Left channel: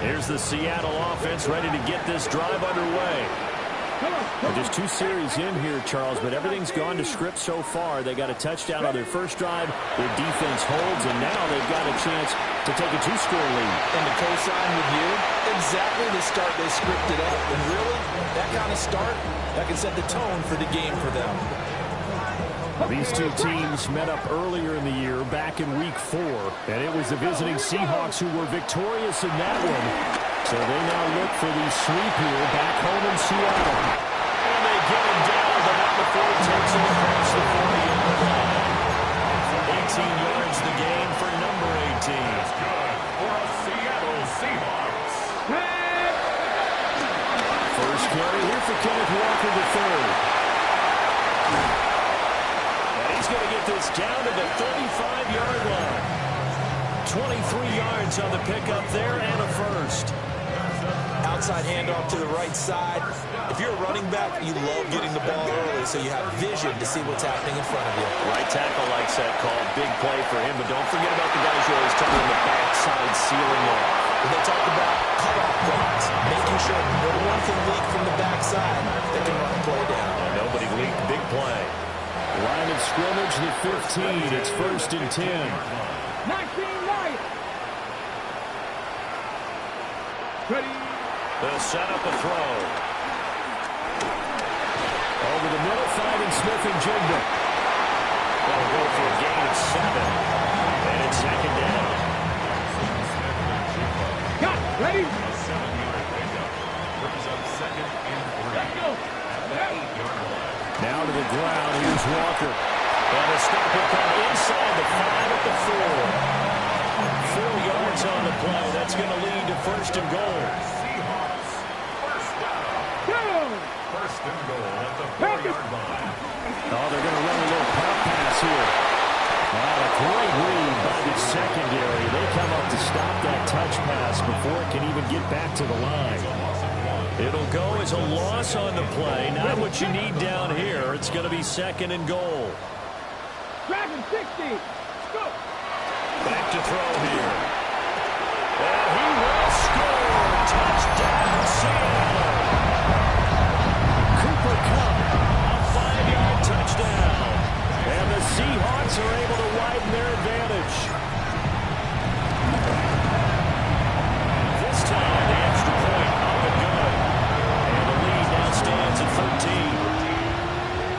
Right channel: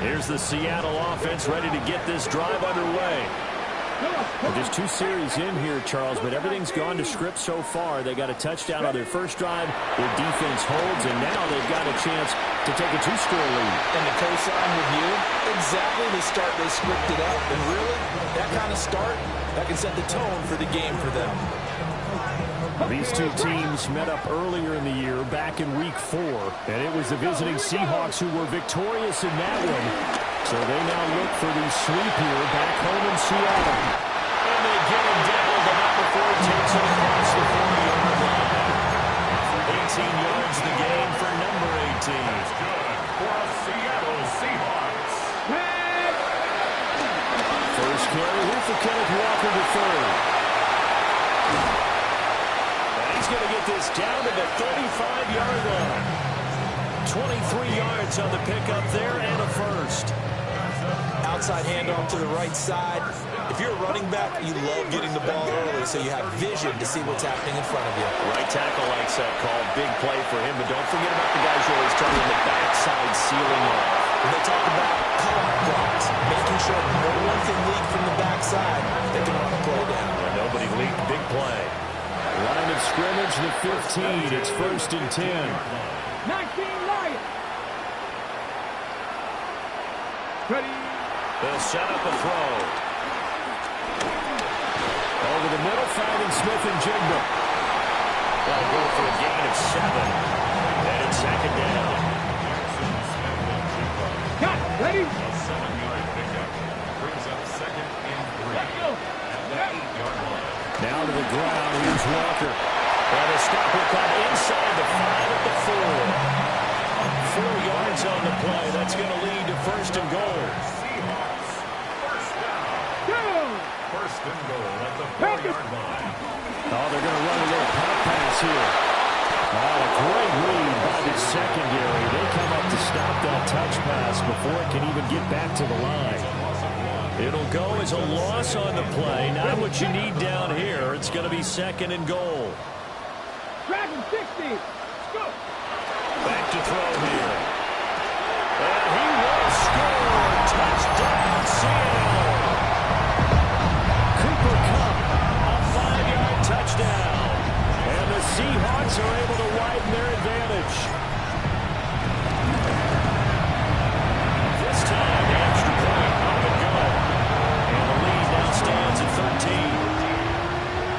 Here's the Seattle offense ready to get this drive underway. Well, just 2 series in here, Charles, but everything's gone to script so far. They got a touchdown on their first drive. Their defense holds, and now they've got a chance to take a 2-score lead. And to co-sign with you, exactly the start they scripted up. And really, that kind of start, that can set the tone for the game for them. These two teams met up earlier in the year, back in Week 4, and it was the visiting Seahawks who were victorious in that one. So they now look for the sweep here back home in Seattle. And they get him down, but not before he takes it across the 40-yard line. 18 yards the gain for number 18. That's good for a Seattle Seahawks. First carry here for Kenneth Walker III. And he's going to get this down to the 35-yard line. 23 yards on the pickup there and a first. Outside handoff to the right side. If you're a running back, you love getting the ball early so you have vision to see what's happening in front of you. Right tackle likes that call. Big play for him, but don't forget about the guys you always tell you in the backside sealing off. When they talk about cutoff blocks, making sure no one can leak from the backside, they can run a play down. Yeah, nobody leaked. Big play. Line of scrimmage, the 15. It's 1st and 10. 19-9. Ready. They'll set up a throw. Over the middle, finding Smith and Jigba. They'll go for a gain of 7. And it's 2nd down. Smith and Jigba. Got ready. A 7-yard pickup brings up 2nd and 3 at the 8-yard line. Now to the ground. Here's Walker. And the stop will come inside the 5 at the 4. 4 yards on the play. That's going to lead to 1st and goal. Seahawks, first down. First and goal at the 4-yard line. Oh, they're going to run a little pump pass here. A great read by the secondary. They come up to stop that touch pass before it can even get back to the line. It'll go as a loss on the play. Not what you need down here. It's going to be 2nd and goal. Dragon 60. Go. Back to throw here. And he will score. Touchdown, Seattle. Cooper Kupp, a 5-yard touchdown. And the Seahawks are able to widen their advantage. This time, the extra point up and good. And the lead now stands at 13.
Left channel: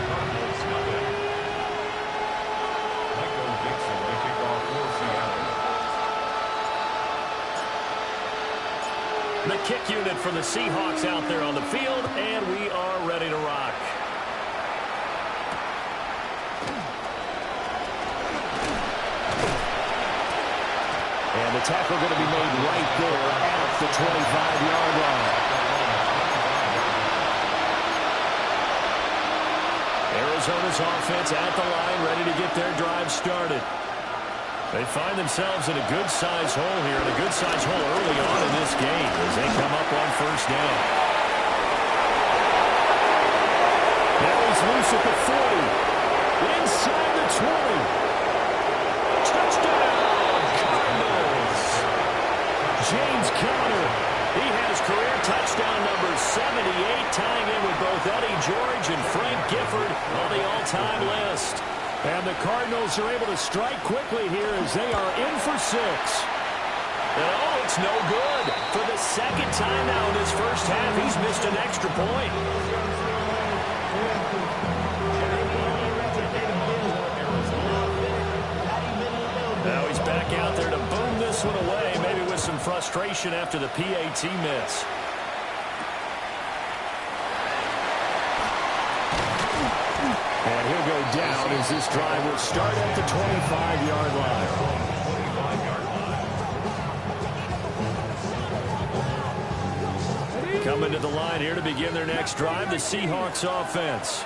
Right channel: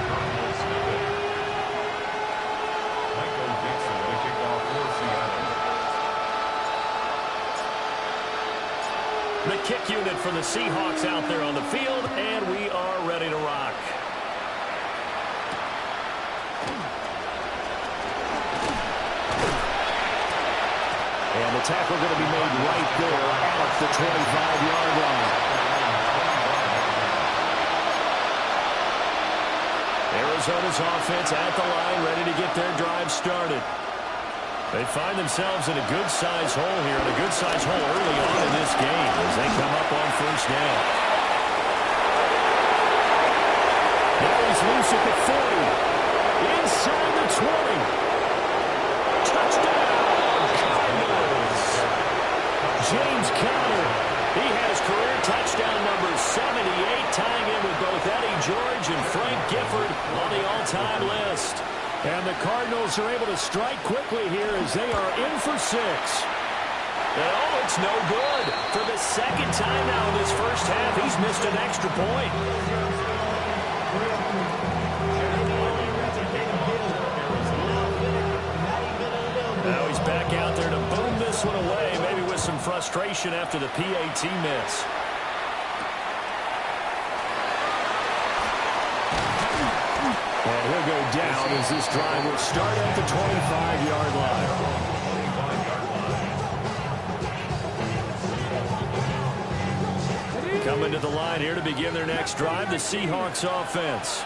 Cardinals nothing. Michael Dixon to kick off for Seattle. The kick unit for the Seahawks out there on the field, and we are ready to rock. And the tackle going to be made right there at the 25-yard line. Arizona's offense at the line, ready to get their drive started. They find themselves in a good-sized hole here, and a good-sized hole early on in this game as they come up on 1st down. Now he's loose at the 40. Inside the 20. Touchdown, Cardinals. James Conner. He has career touchdown number 78, tying in with both Eddie George and Frank Gifford on the all-time list. And the Cardinals are able to strike quickly here as they are in for 6. And oh, it's no good. For the 2nd time now in this first half, he's missed an extra point. Now he's back out there to boom this one away, maybe with some frustration after the PAT miss. And he'll go down as this drive will start at the 25-yard line. Coming to the line here to begin their next drive, the Seahawks offense.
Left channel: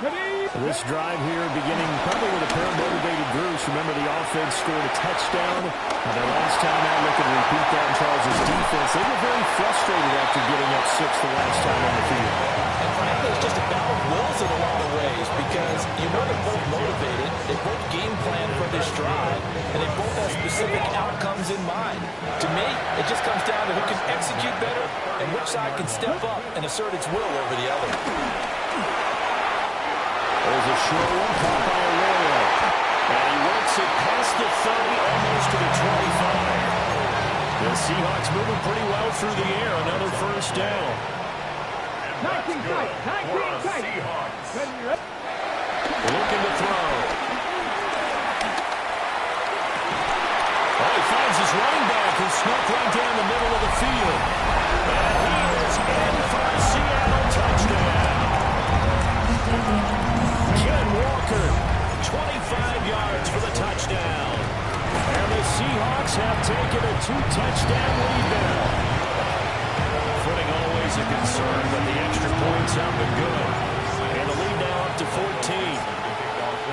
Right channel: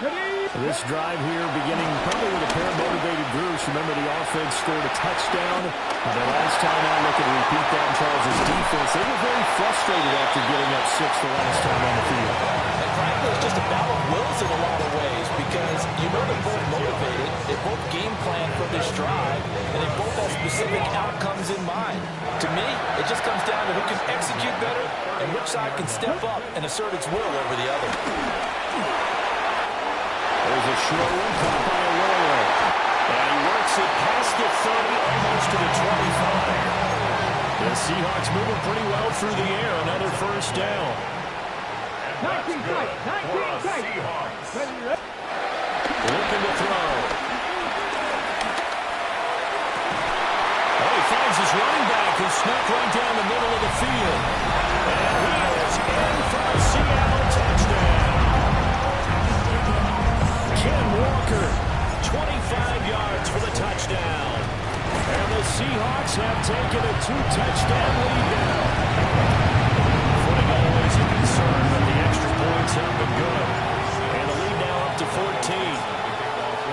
Ready. This drive here beginning probably with a pair of motivated Bruce. Remember, the offense scored a touchdown. Their last time out, looking to repeat that in Charles' defense. They were very frustrated after giving up 6 the last time on the field. And frankly, it's just a battle of wills in a lot of ways because you know they're both motivated. They both game plan for this drive, and they both have specific outcomes in mind. To me, it just comes down to who can execute better and which side can step up and assert its will over the other. There's a short one caught by Arroyo. And he works it past the 30, almost to the 25. The Seahawks moving pretty well through the air. Another first down. 19 tight. 19 tight. Looking to throw. Oh, he finds his running back who snuck right down the middle of the field. And he is in for a Seattle touchdown. Ken Walker, 25 yards for the touchdown. And the Seahawks have taken a 2-touchdown lead now. Footing always a concern, but the extra points up and good. And the lead now up to 14.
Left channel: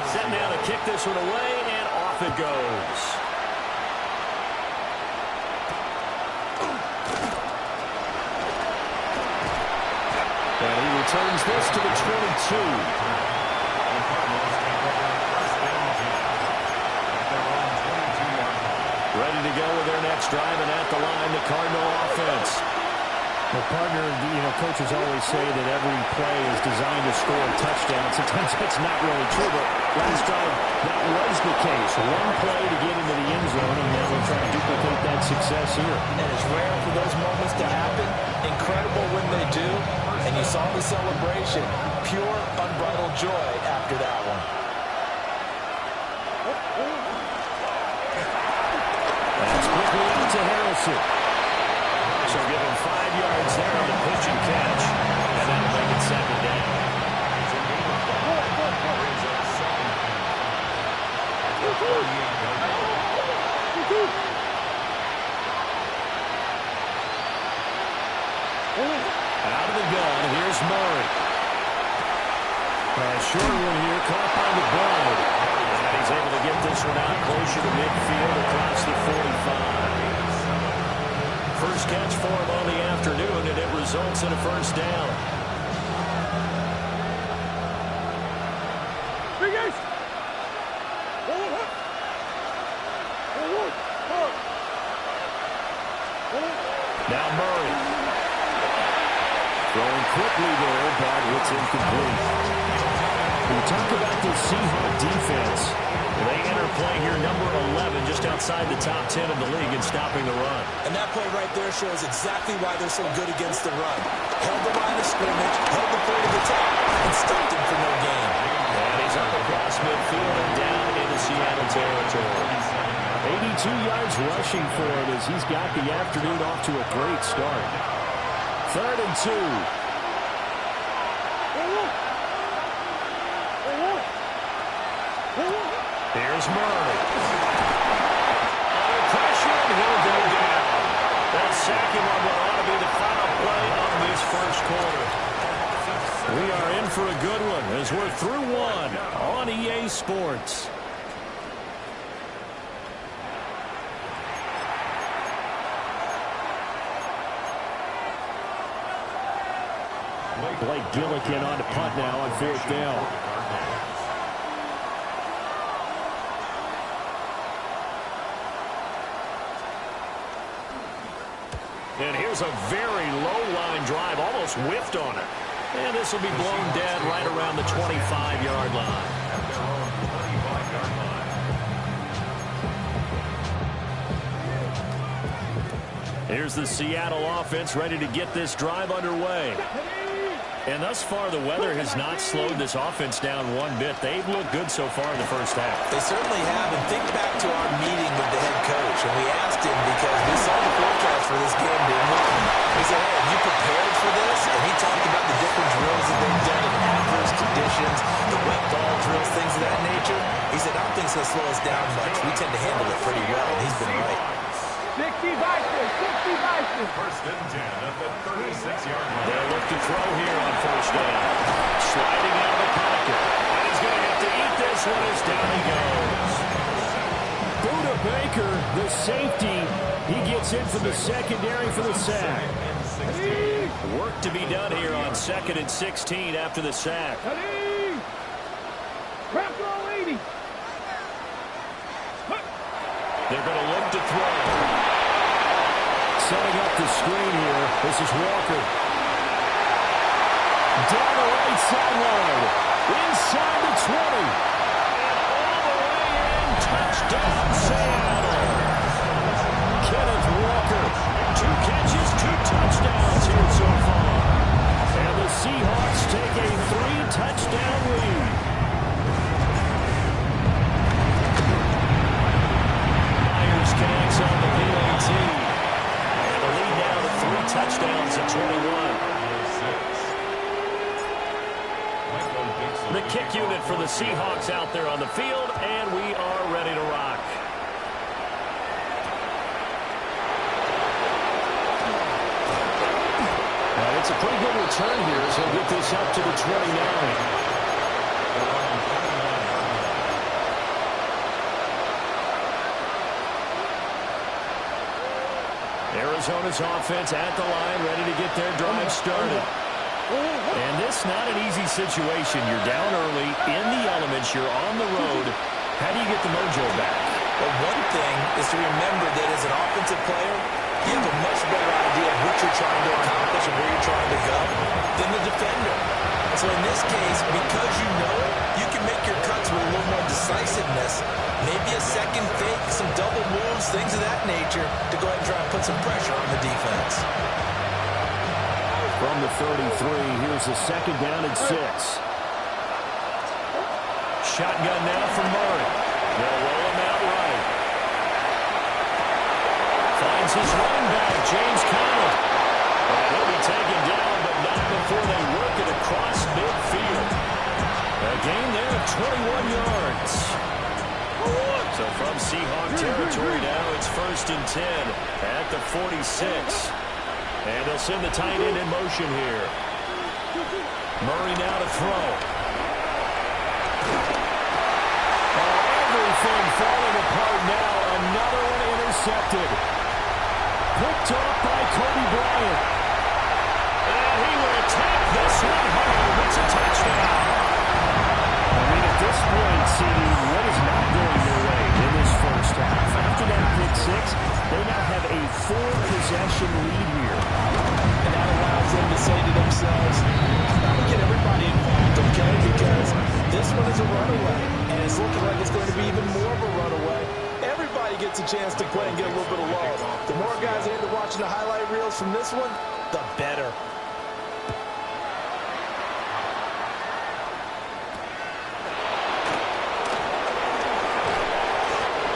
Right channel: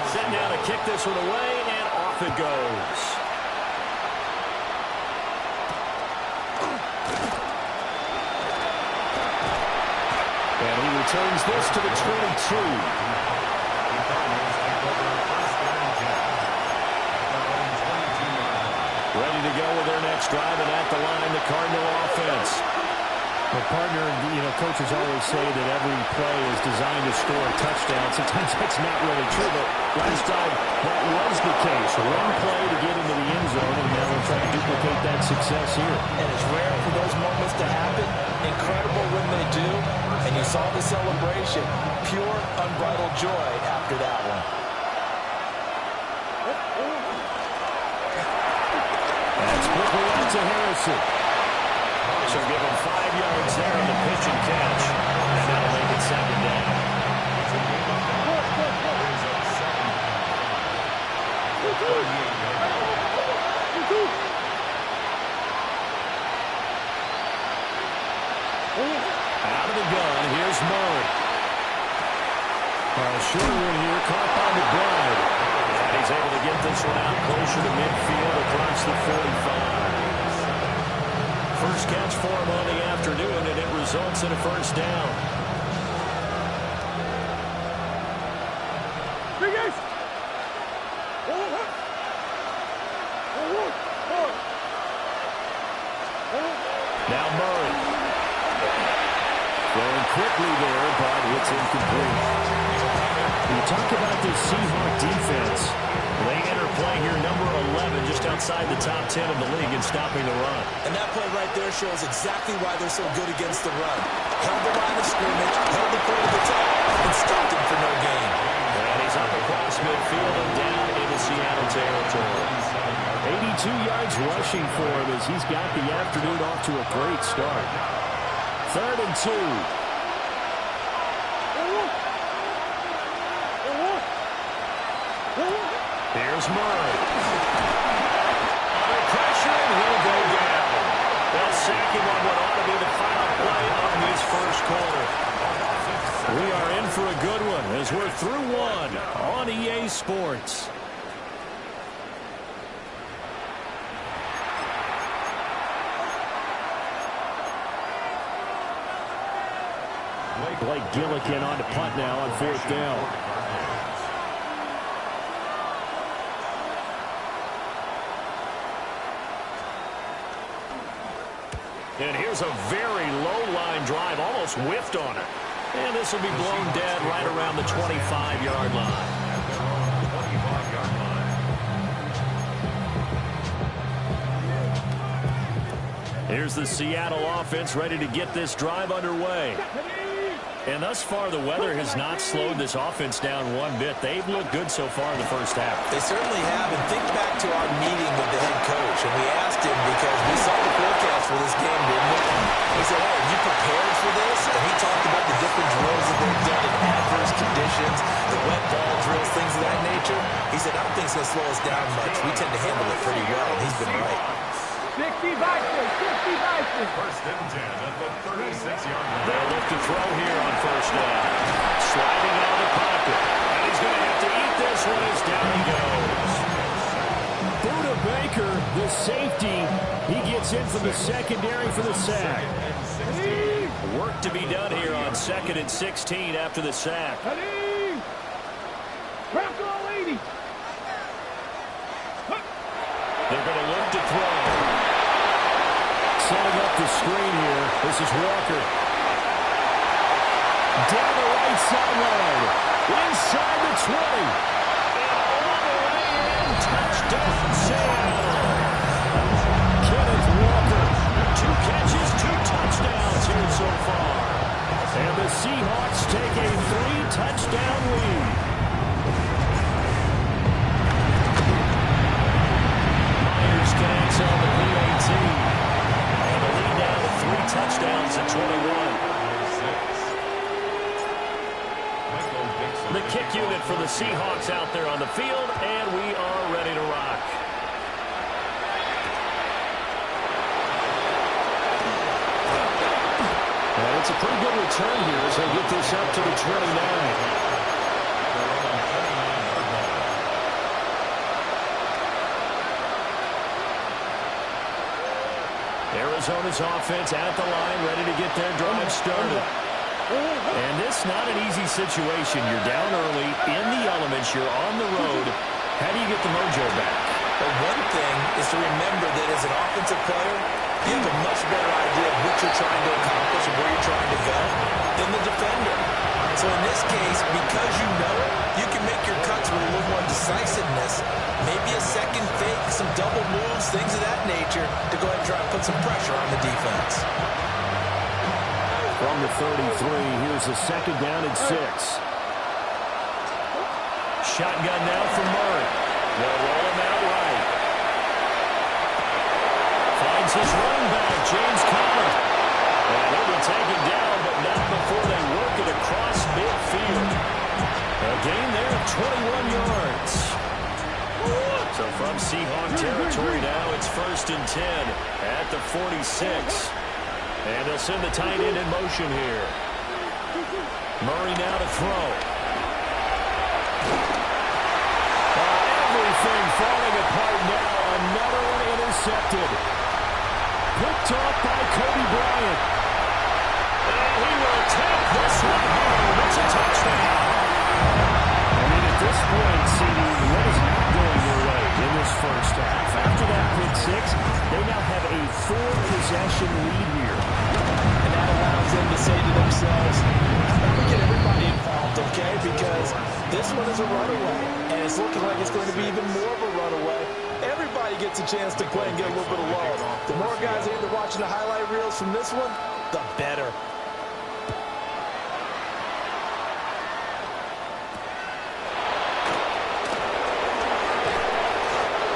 Set now to kick this one away, and off it goes. And he returns this to the 22. Ready to go with their next drive, and at the line, the Cardinal offense. Well, partner, coaches always say that every play is designed to score a touchdown. Sometimes that's not really true, but last drive, that was the case. One play to get into the end zone, and now they'll try to duplicate that success here. And it's rare for those moments to happen. Incredible when they do. And you saw the celebration. Pure, unbridled joy after that one. That's quickly out to Harrison. So give him 5 yards there on the pitch and catch. And that'll make it second down. It's a game of 5. Brings up second and 5. 38-yard line. Out of the gun, here's Murray. A short one here, caught by McBride. And he's able to get this one out closer to midfield across the 45. First catch for him on the afternoon, and it results in a first down. Now Murray. Throwing quickly there, but it's incomplete. When you talk about this Seahawk defense, they enter play here number 11, just outside the top 10 of the league in stopping the run. And that play right there shows exactly why they're so good against the run. Held the line of scrimmage, held the point of attack, and stopped him for no gain. And he's up across midfield and down into Seattle territory. 82 yards rushing for him as he's got the afternoon off to a great start. 3rd and 2. Here's Murray. Under pressure, and he'll go down. They'll sack him on what ought to be the final play of this first quarter. We are in for a good one as we're through one on EA Sports. Blake Gillikin on to punt now on 4th down. And here's a very low-line drive, almost whiffed on it. And this will be blown dead right around the 25-yard line. At their own 25-yard line. Here's the Seattle offense ready to get this drive underway. And thus far, the weather has not slowed this offense down one bit. They've looked good so far in the first half. They certainly have. And think back to our meeting with the head coach. And we asked him because we saw the forecast for this game, didn't we? We said, hey, have you prepared for this? And he talked about the different drills that they've done in adverse conditions, the wet ball drills, things of that nature. He said, I don't think it's going to slow us down much. We tend to handle it pretty well. And he's been right. 60 Vikings, 60 Vikings. First and 10 at the 36-yard line. They'll look to throw here on first down. Sliding out of the pocket. And he's going to have to eat this one as down he goes. Buda Baker, the safety, he gets in from the secondary for the sack. Work to be done here on 2nd and 16 after the sack. They're going to look to throw. Setting up the screen here. This is Walker. Down the right sideline. Inside the 20. And all the way in. Touchdown, Seattle. Kenneth Walker. 2 catches, 2 touchdowns here so far. And the Seahawks take a 3-touchdown lead. Myers connects on the PAT. And the lead now to 3 touchdowns at 21. The kick unit for the Seahawks out there on the field, and we are ready to rock. And it's a pretty good return here as they get this up to the 29. Arizona's offense at the line, ready to get their drive started. And this not an easy situation. You're down early, in the elements, you're on the road. How do you get the mojo back? Well, one thing is to remember that as an offensive player, you have a much better idea of what you're trying to accomplish and where you're trying to go than the defender. So in this case, because you know it, you can make your cuts with a little more decisiveness. Maybe a second fake, some double moves, things of that nature to go ahead and try and put some pressure on the defense. From the 33, here's the 2nd down and 6. Shotgun now for Murray. They'll roll him out right. Finds his running back, James Conner. And he'll be taken down, but not before they work it across midfield. A gain there of 21 yards. So from Seahawk territory now, it's 1st and 10 at the 46. And they'll send the tight end in motion here. Murray now to throw. Everything falling apart now. Another one intercepted. Picked off by Kobe Bryant. And he will take this one home. It's a touchdown. I mean, at this point, CD, what is not going their way in this first half? After that pick 6, they now have a 4-possession lead here. And that allows them to say to themselves, how about we get everybody involved, okay? Because this one is a runaway, and it's looking like it's going to be even more of a runaway. Everybody gets a chance to play and get a little bit of love. The more guys into watching the highlight reels from this one, the better.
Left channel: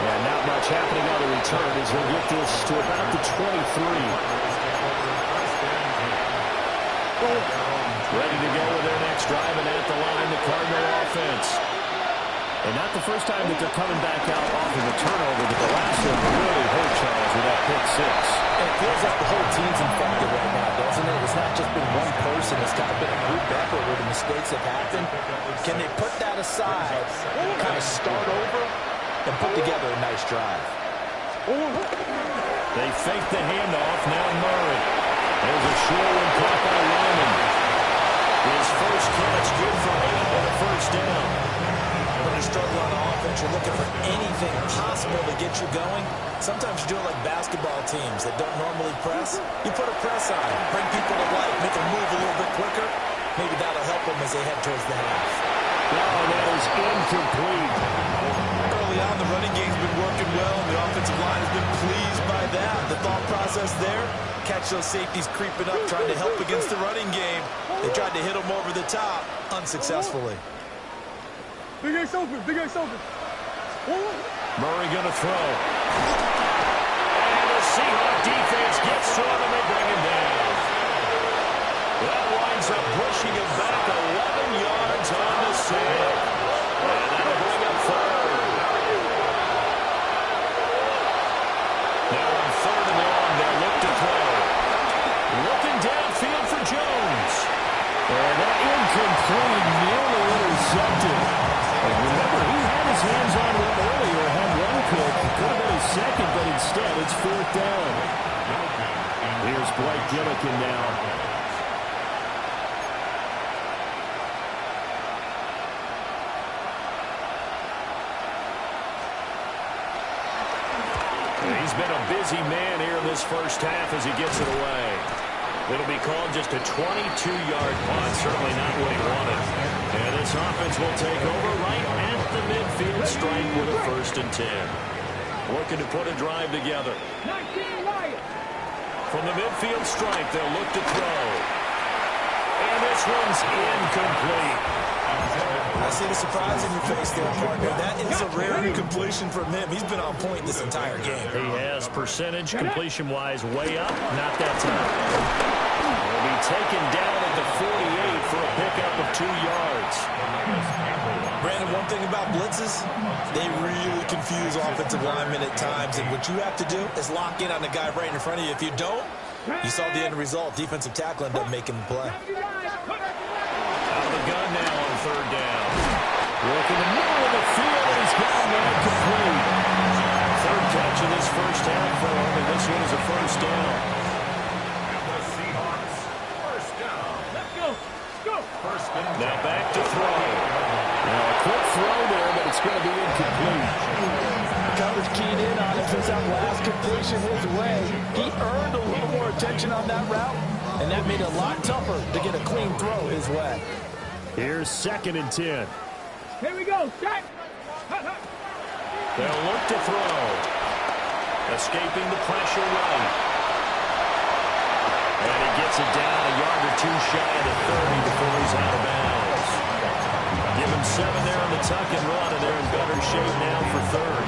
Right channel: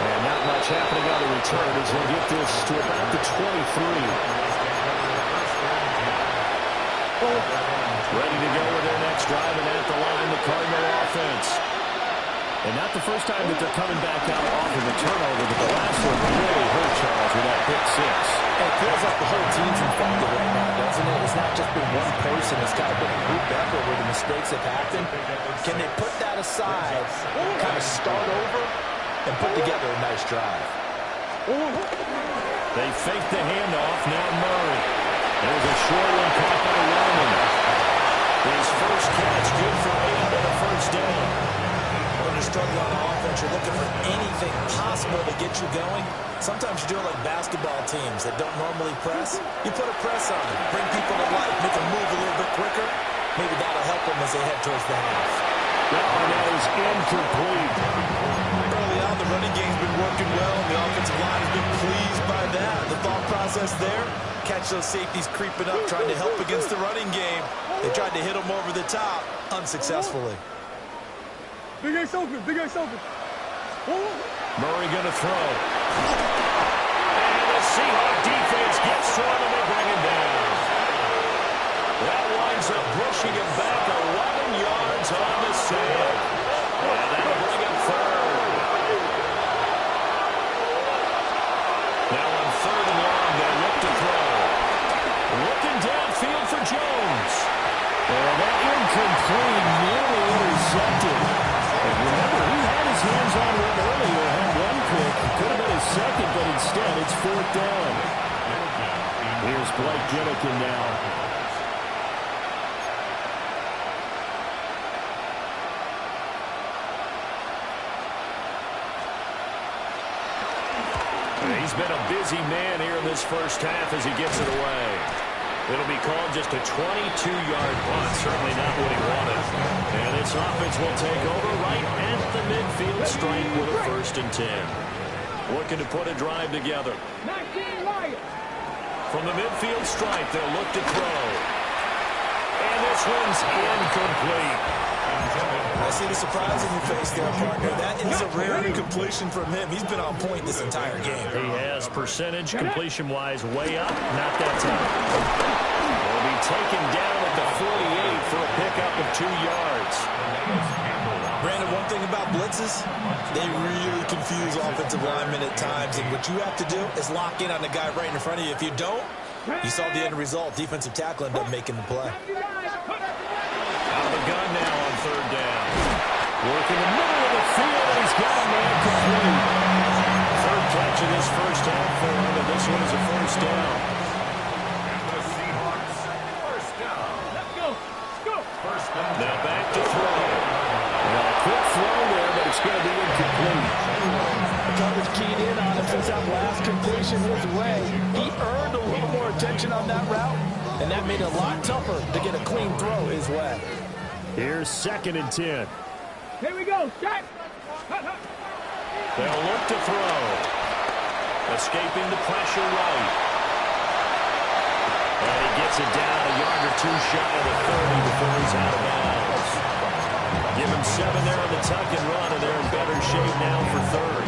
And not much happening on the return as we'll get this to about the 23. Ready to go with their next drive, and at the line, the Cardinal offense. And not the first time that they're coming back out off of a turnover, but the last one really hurt Charles with that pick 6. And it feels like the whole team's infected right now, doesn't it? It's not just been one person. It's kind of been a group effort where the mistakes have happened. Can they put that aside, kind of start over, and put together a nice drive? They fake the handoff. Now Murray. There's a short one caught by Lyman. His first catch, good for 8 and a first down. When you struggle on offense, you're looking for anything possible to get you going. Sometimes you do it like basketball teams that don't normally press. You put a press on, bring people to life, make them move a little bit quicker. Maybe that'll help them as they head towards the half. And that is incomplete. Early on, the running game's been working well, and the offensive line has been pleased by that. The thought process there, catch those safeties creeping up, trying to help against the running game. They tried to hit them over the top, unsuccessfully. Big Ace open, Big Ace open. Murray going to throw. And the Seahawk defense gets to him, and they bring him down. That winds up pushing him back 11 yards on the sack. And that'll bring up 3rd. Now on midfield for Jones. And that incomplete, nearly intercepted. And remember, he had his hands on one earlier, had one pick. Could have been his second, but instead it's 4th down. Here's Blake Gillikin now. He's been a busy man here in this first half as he gets it away. It'll be called just a 22-yard punt. Certainly not what he wanted. And this offense will take over right at the midfield stripe with a 1st and 10. Looking to put a drive together. From the midfield stripe, they'll look to throw. And this one's incomplete. I see the surprise in your face there, partner. That is a rare completion from him. He's been on point this entire game. He has percentage completion-wise way up. Not that time. He'll be taken down at the 48 for a pickup of 2 yards. Brandon, one thing about blitzes, they really confuse offensive linemen at times. And what you have to do is lock in on the guy right in front of you. If you don't, you saw the end result. Defensive tackle ended up making the play. Out of the gun now on 3rd down. Working the middle of the field, and he's got a man complete. 3rd catch of this first half for him, and this one is a 1st down. And the Seahawks, 1st down. Let's go. Let's go. 1st and 10. Now back to throw. Now a quick throw there, but it's going to be incomplete. The coverage keyed in on him since that last completion his way. He earned a little more attention on that route, and that made it a lot tougher to get a clean throw his way. Here's 2nd and 10. Here we go. Shot. They'll look to throw. Escaping the pressure right. And he gets it down a yard or 2 shy of the 30 before he's out of bounds. Give him 7 there on the tuck and run, and they're in better shape now for 3rd.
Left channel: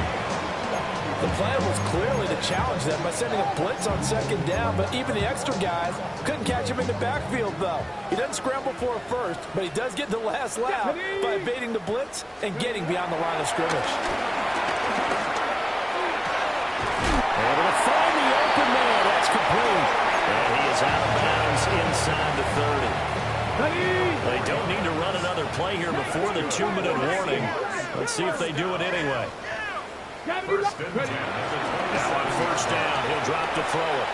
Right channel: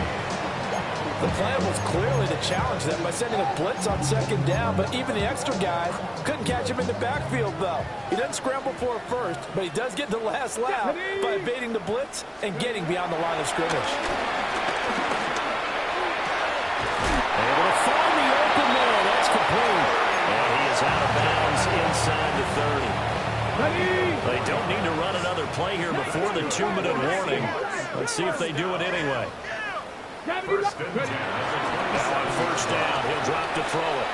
The plan was clearly to challenge them by sending a blitz on 2nd down, but even the extra guys couldn't catch him in the backfield, though. He doesn't scramble for a first, but he does get the last lap by evading the blitz and getting beyond the line of scrimmage. Able to find the open man. That's complete. And he is out of bounds inside the 30. They don't need to run another play here before the 2-minute warning. Let's see if they do it anyway. 1st and 10. Now on 1st down, he'll drop to throw it.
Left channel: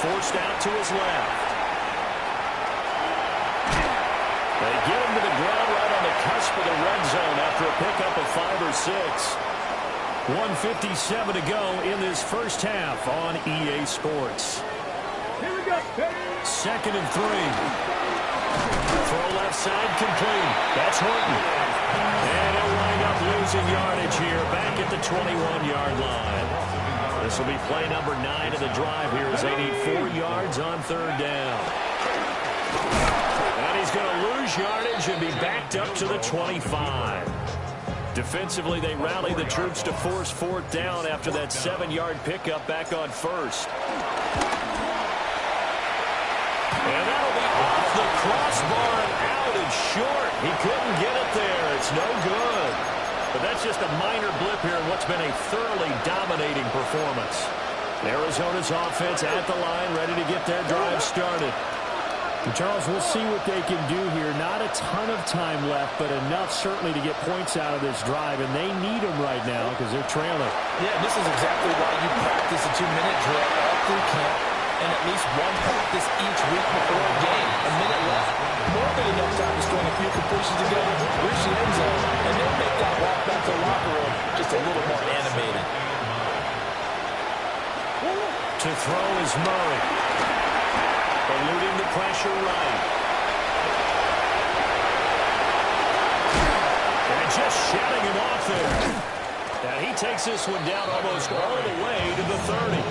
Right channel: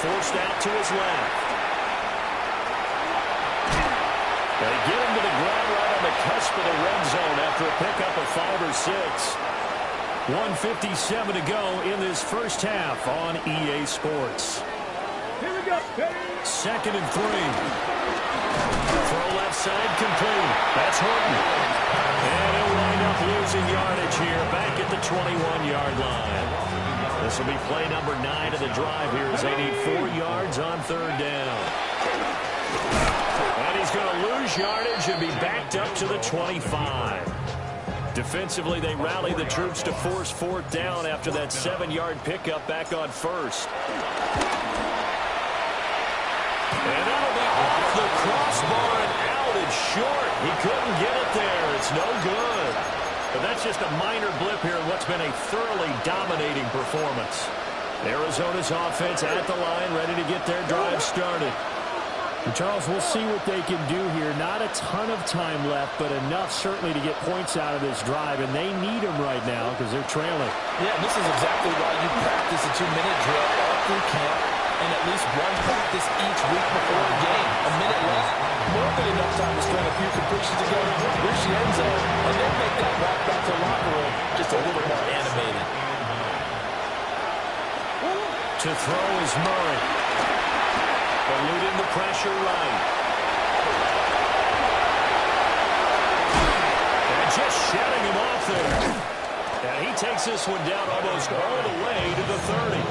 Forced out to his left. They get him to the ground right on the cusp of the red zone after a pickup of 5 or 6. 1:57 to go in this first half on EA Sports. Here we go. 2nd and 3. Throw left side complete. That's Horton. And he'll wind up losing yardage here back at the 21-yard line. This will be play number 9 of the drive here as they need 4 yards on 3rd down. And he's going to lose yardage and be backed up to the 25. Defensively, they rally the troops to force 4th down after that 7-yard pickup back on 1st. And that'll be off the crossbar and out and short. He couldn't get it there. It's no good. But that's just a minor blip here in what's been a thoroughly dominating performance. Arizona's offense at the line, ready to get their drive started. And Charles, we'll see what they can do here. Not a ton of time left, but enough certainly to get points out of this drive, and they need them right now because they're trailing. Yeah, this is exactly why you practice a 2-minute drill all through camp and at least one practice each week before a game. A minute left, more than enough time to string a few completions together, reach the end zone, and then make that walk back to the locker room just a little more animated. To throw is Murray. Eluding the pressure right. And just shutting him off there. And he takes this one down almost all the way to the 30.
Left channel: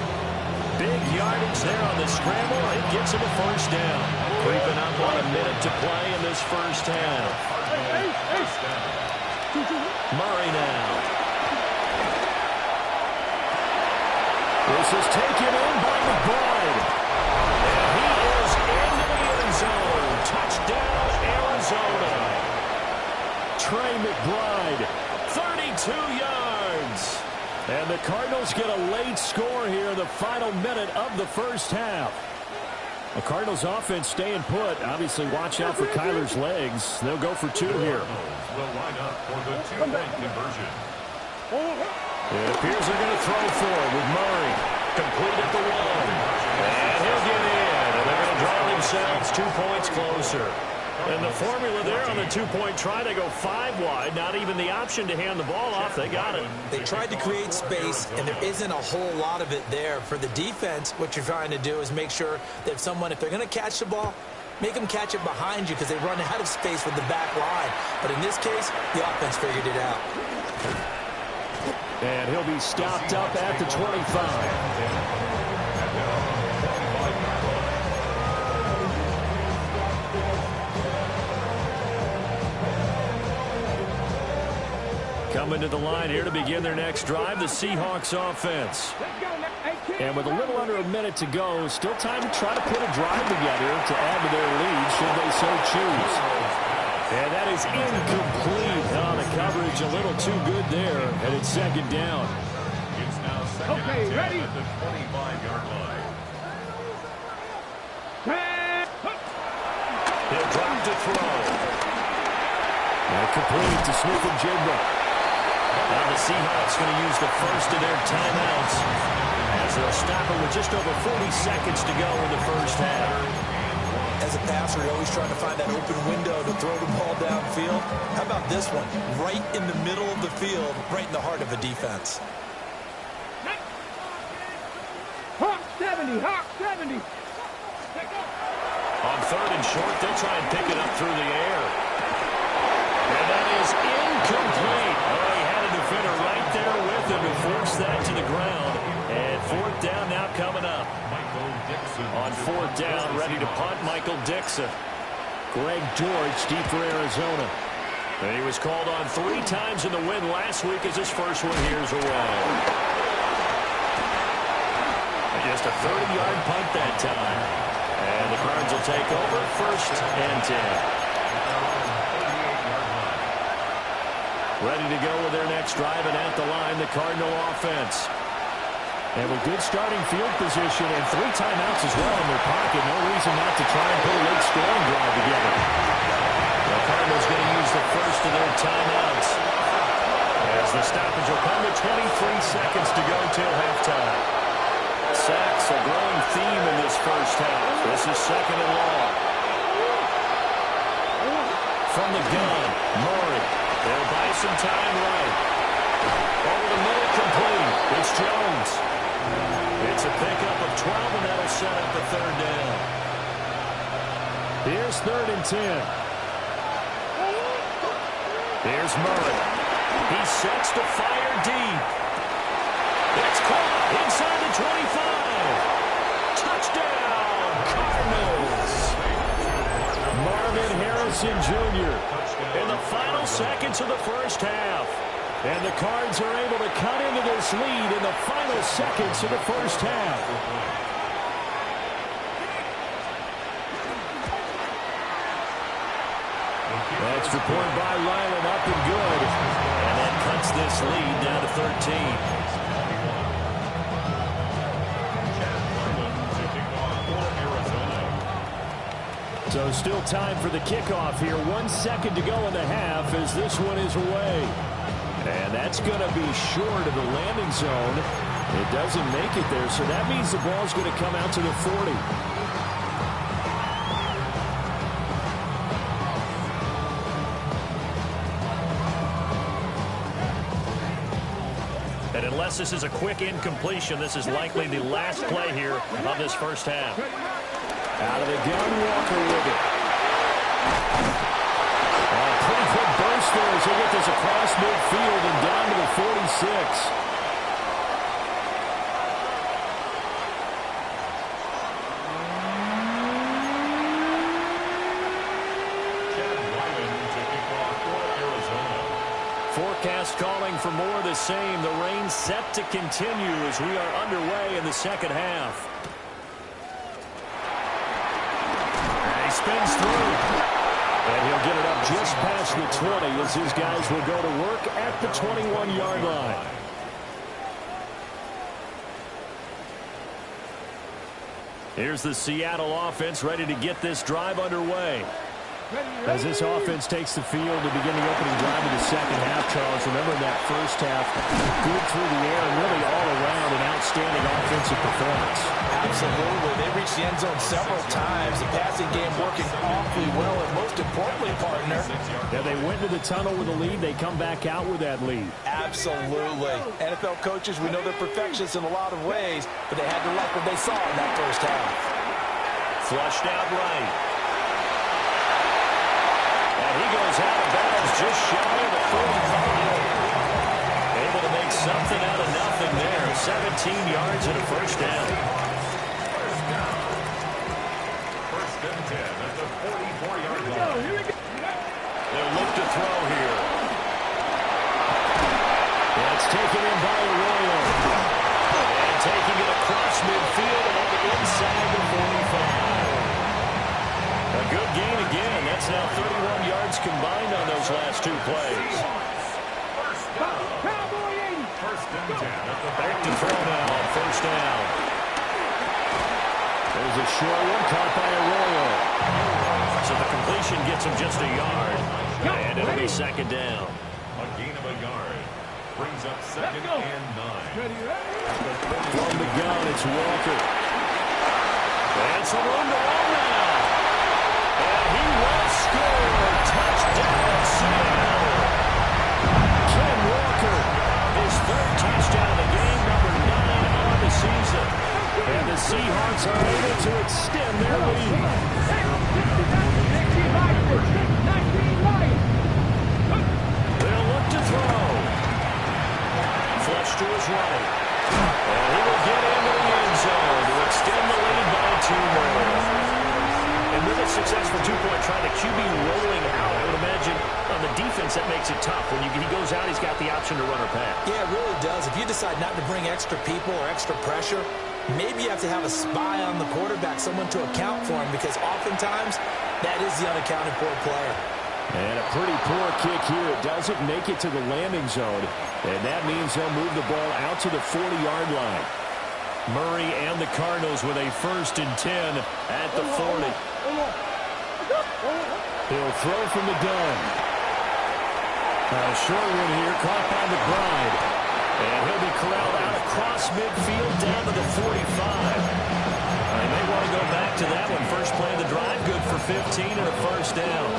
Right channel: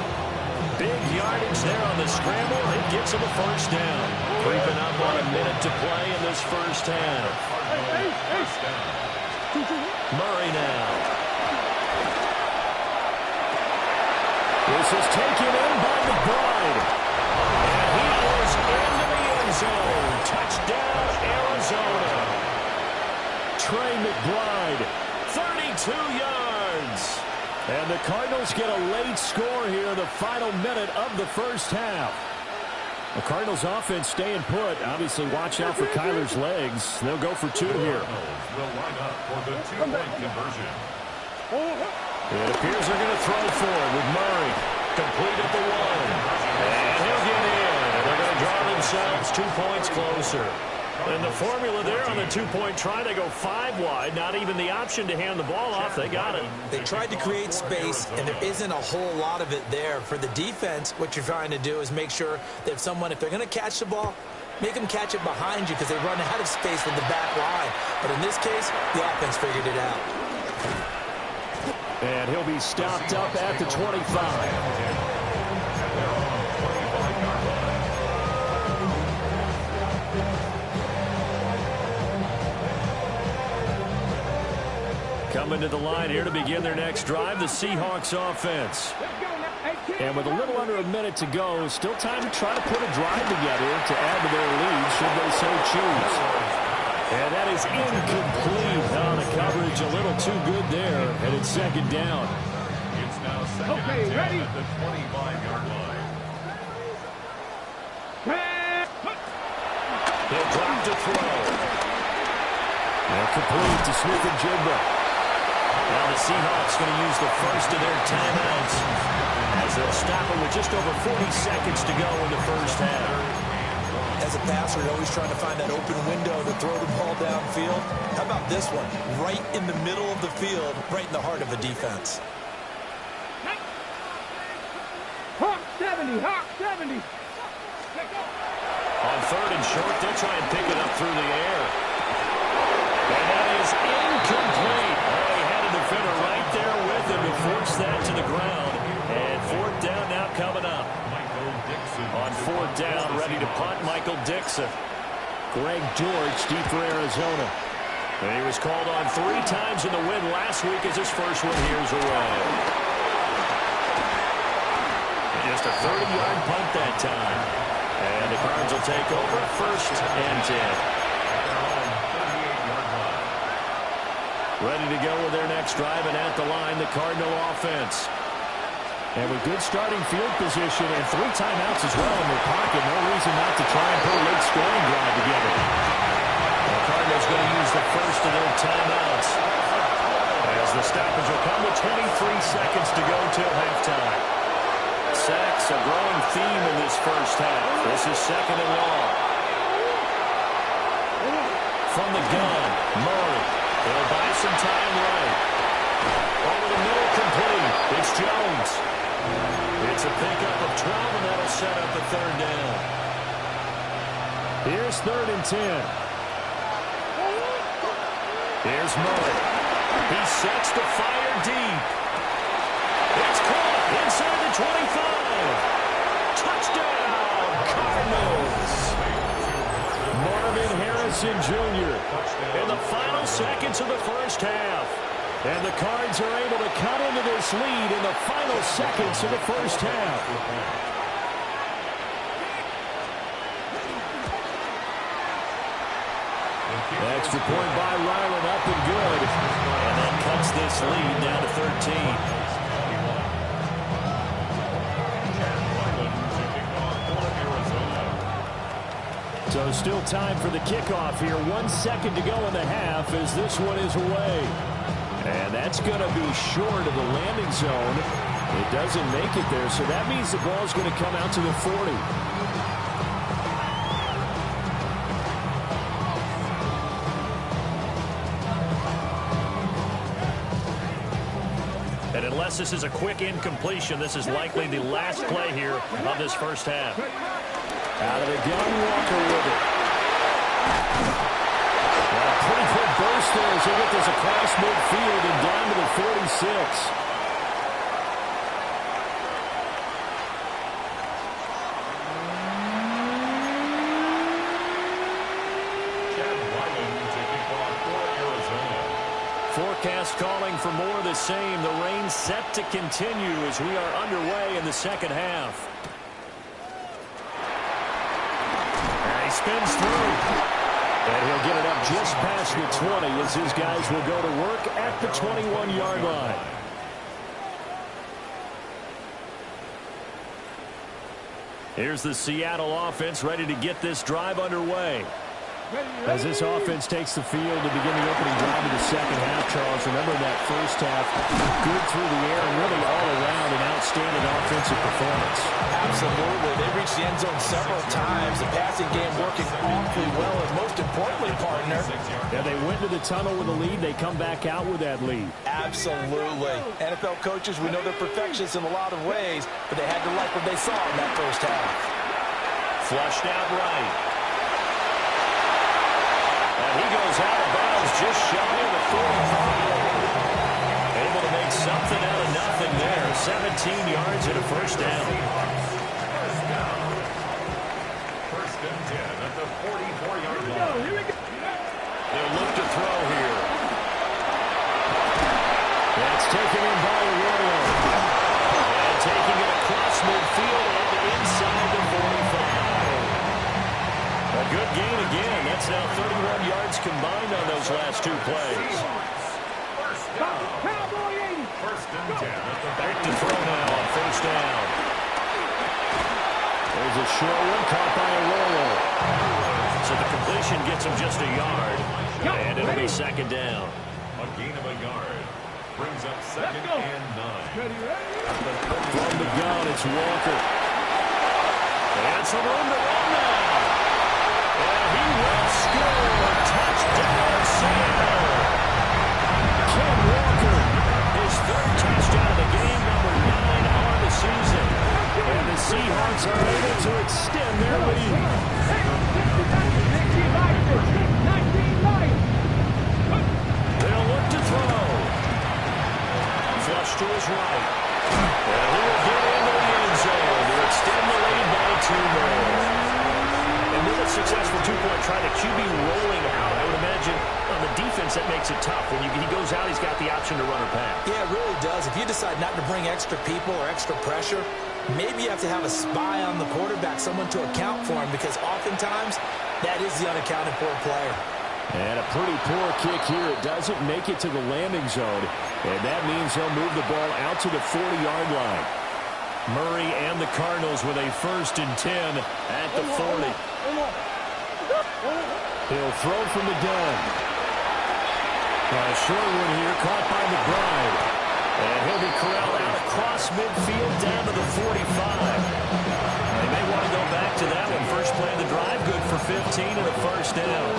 Big yardage there on the scramble. It gets him a 1st down. Creeping up on a minute to play in this first half. Murray now. This is taken in by McBride. And he is into the end zone. Touchdown, Arizona. Trey McBride. 32 yards. And the Cardinals get a late score here in the final minute of the first half. The Cardinals offense staying put. Obviously, watch out for Kyler's legs. They'll go for two here. Will line up for the two-point conversion. It appears they're going to throw for it with Murray. Complete at the one. And he'll get in. And they're going to draw themselves 2 points closer. And the formula there on the two-point try, they go 5 wide. Not even the option to hand the ball off. They got it. They tried to create space, and there isn't a whole lot of it there. For the defense, what you're trying to do is make sure that if they're going to catch the ball, make them catch it behind you because they run out of space with the back line. But in this case, the offense figured it out. And he'll be stopped up at the 25. Coming to the line here to begin their next drive, the Seahawks offense. And with a little under a minute to go, still time to try to put a drive together to add to their lead should they so choose. And that is incomplete. On the coverage, a little too good there, and it's second down. It's now second and 10 ready? at the 25-yard line. He'll drop to throw. And complete to Smith-Njigba. Now the Seahawks going to use the first of their timeouts as they'll stop it with just over 40 seconds to go in the first half. As a passer, you're always trying to find that open window to throw the ball downfield. How about this one? Right in the middle of the field, right in the heart of a defense. Hawk 70, Hawk 70. On third and short, they'll try and pick it up through the air. And that is incomplete. Oh, he had a defender right there with him to force that to the ground. And fourth down now coming up. Michael Dixon. On fourth down, ready to punt, Michael Dixon. Greg George, deep for Arizona. And he was called on 3 times in the win last week as his first one here's away. And just a 30-yard punt that time. And the Cards will take over first and 10. Ready to go with their next drive, and at the line, the Cardinal offense. And with good starting field position and 3 timeouts as well in their pocket, no reason not to try and put a late scoring drive together. The Cardinals going to use the first of their timeouts as the stoppage will come with 23 seconds to go till halftime. Sacks, a growing theme in this first half. This is second and long. From the gun, Murray. He'll buy some time right. Over the middle, complete. It's Jones. It's a pickup of 12, and that'll set up a third down. Here's third and 10. Here's Murray. He sets to fire deep. It's caught inside the 25. Touchdown, Cardinals. Marvin Harrison Jr. in the final seconds of the first half. And the Cards are able to cut into this lead in the final seconds of the first half. Extra point by Ryland, up and good. And that cuts this lead down to 13. So still time for the kickoff here. 1 second to go in the half as this one is away. And that's going to be short of the landing zone. It doesn't make it there, so that means the ball's going to come out to the 40. And unless this is a quick incompletion, this is likely the last play here of this first half. Out of the gun, Walker with it. And a pretty quick burst there as they get this across midfield and down to the 46. Chad Ryland to kick off for Arizona. Forecast calling for more of the same. The rain set to continue as we are underway in the second half. Spins through. And he'll get it up just past the 20 as his guys will go to work at the 21-yard line. Here's the Seattle offense ready to get this drive underway. As this offense takes the field to begin the opening drive of the second half, Charles, remember that first half, good through the air and really all around an outstanding offensive performance. Absolutely. They reached the end zone several times. The passing game working awfully well, and most importantly, partner. Yeah, they went into the tunnel with a lead. They come back out with that lead. Absolutely. NFL coaches, we know they're perfectionists in a lot of ways, but they had to like what they saw in that first half. Flushed out right. And he goes out of bounds just shy of the 45. Able to make something out of nothing there. 17 yards and a first down. First down. First and 10 at the 44-yard line. They'll look to throw here. That's taken in by Arroyo. And taking it across midfield and inside the 45. A good gain again. That's now 31 yards combined on those last two plays. First down. First and 10 at the Back to throw now on first down. There's a short one caught by Arroyo. So the completion gets him just a yard. And it'll be second down. A gain of a yard. Brings up second and 9. From the gun, it's Walker. And some room to run now. And he will score. Touchdown, Seattle. Ken Walker, his third touchdown of the game, number 9 on the season. And the Seahawks are able to extend their lead. They'll look to throw. Flush to his right. And he will get into the end zone to extend the lead by 2 more. And with a successful two-point try, the QB rolling out, I would imagine on the defense that makes it tough. When he goes out, he's got the option to run or pass. Yeah, it really does. If you decide not to bring extra people or extra pressure, maybe you have to have a spy on the quarterback, someone to account for him, because oftentimes that is the unaccounted for player. And a pretty poor kick here. It doesn't make it to the landing zone. And that means they'll move the ball out to the 40-yard line. Murray and the Cardinals with a first and 10 at the 40. He'll throw from the gun. A short one here caught by McBride. And he'll be corralled out across midfield down to the 45. They may want to go back to that one. First play of the drive, good for 15 and a first down.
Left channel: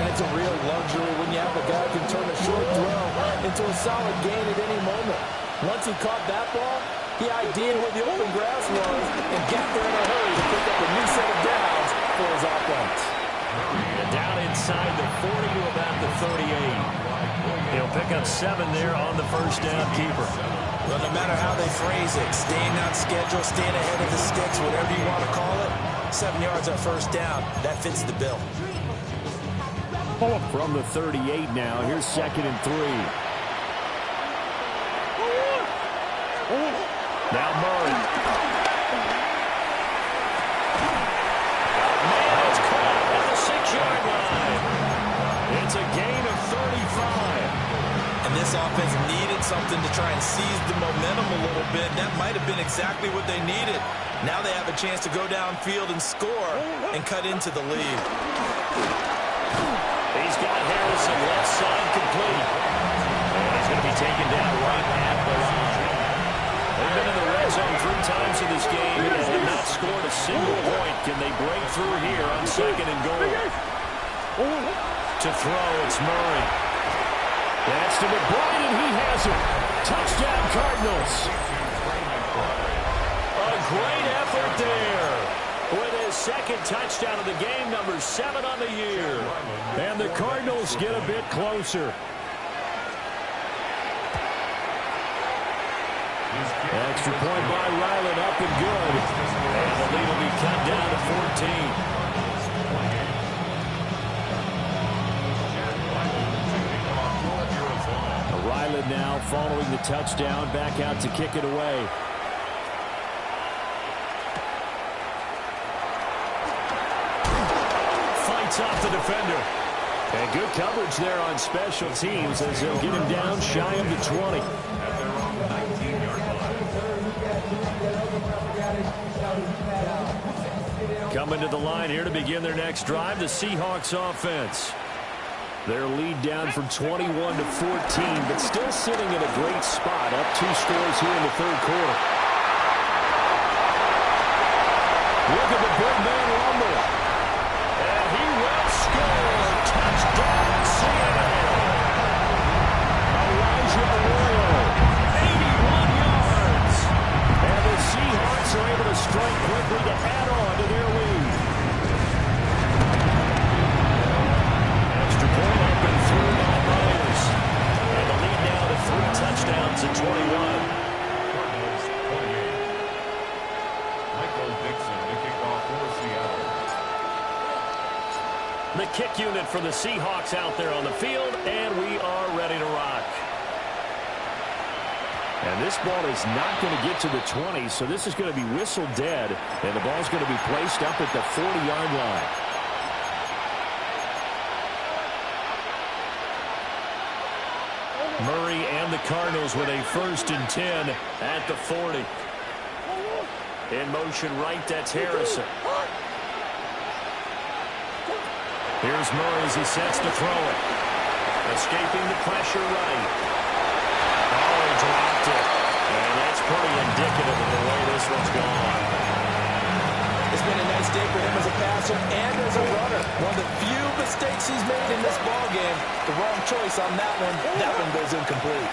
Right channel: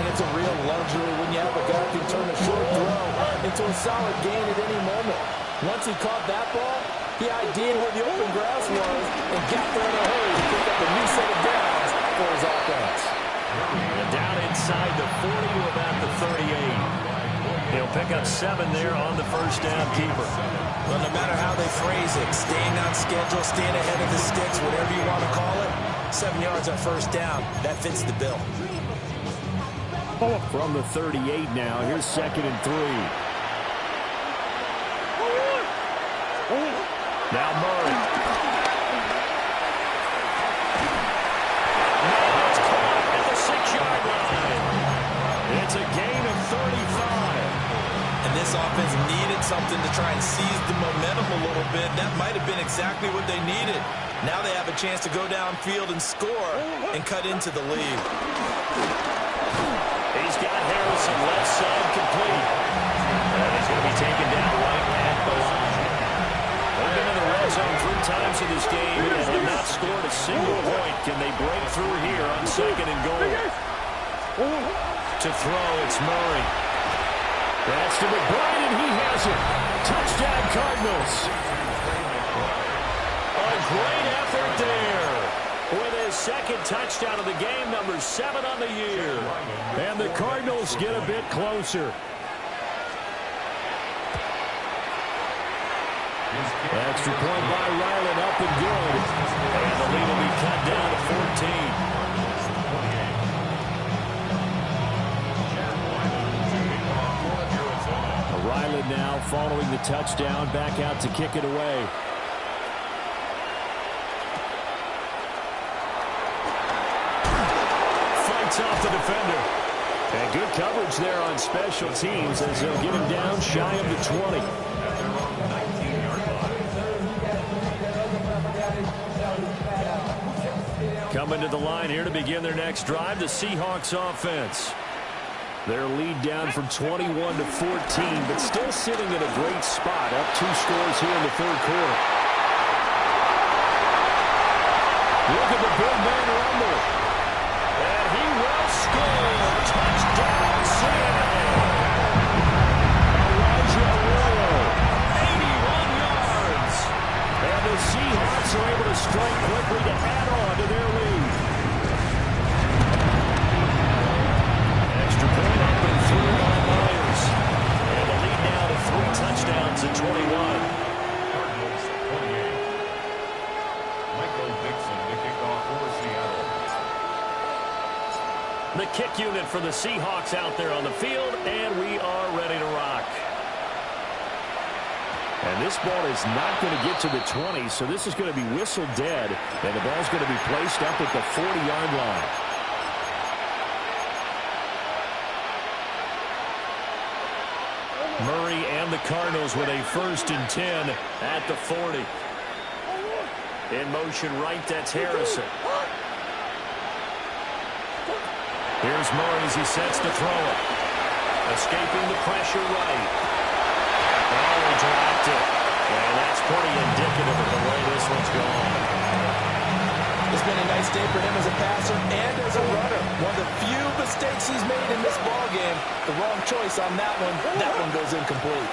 And it's a real luxury when you have a guy who can turn a short throw into a solid gain at any moment. Once he caught that ball, he ID'd where the open grass was and got there in a hurry to pick up a new set of downs for his offense. And down inside the 40 to about the 38. He'll pick up 7 there on the first down keeper. Well, no matter how they phrase it, staying on schedule, staying ahead of the sticks, whatever you want to call it, 7 yards on first down, that fits the bill. From the 38 now, here's second and 3. Now Murray. Man, it's caught at the 6-yard line. It's a gain of 35. And this offense needed something to try and seize the momentum a little bit. That might have been exactly what they needed. Now they have a chance to go downfield and score and cut into the lead. He's got Harrison left side complete. And he's going to be taken down right at the line. They've been in the red zone 3 times in this game and have not scored a single point. Can they break through here on second and goal? To throw, it's Murray. That's to McBride, and he has it. Touchdown, Cardinals. A great effort there. With his second touchdown of the game, number 7 on the year. And the Cardinals get a bit closer. Extra point by Ryland, up and good. And the lead will be cut down to 14. Ryland now following the touchdown, back out to kick it away. Fights off the defender. And good coverage there on special teams as they'll get him down shy of the 20. At their own 19-yard line. Coming to the line here to begin their next drive, the Seahawks offense. Their lead down from 21 to 14, but still sitting in a great spot, up 2 scores here in the third quarter. Look at the big man rumble. And he will score. Touchdown, Seattle. Elijah Arroyo, 81 yards. And the Seahawks are able to strike quickly to add on to their lead. Extra point up and through by Myers. And the lead now to 3 touchdowns at 21. Cardinals 28. Michael Dixon, the kickoff for Seattle. The kick unit for the Seahawks out there on the field, and we are ready to rock. And this ball is not going to get to the 20, so this is going to be whistled dead, and the ball's going to be placed up at the 40-yard line. Murray and the Cardinals with a 1st and 10 at the 40. In motion right, that's Harrison. Here's Murray as he sets to throw it. Escaping the pressure right. Oh, he dropped it. And that's pretty indicative of the way this one's gone. It's been a nice day for him as a passer and as a runner. One of the few mistakes he's made in this ballgame. The wrong choice on that one. That one goes incomplete.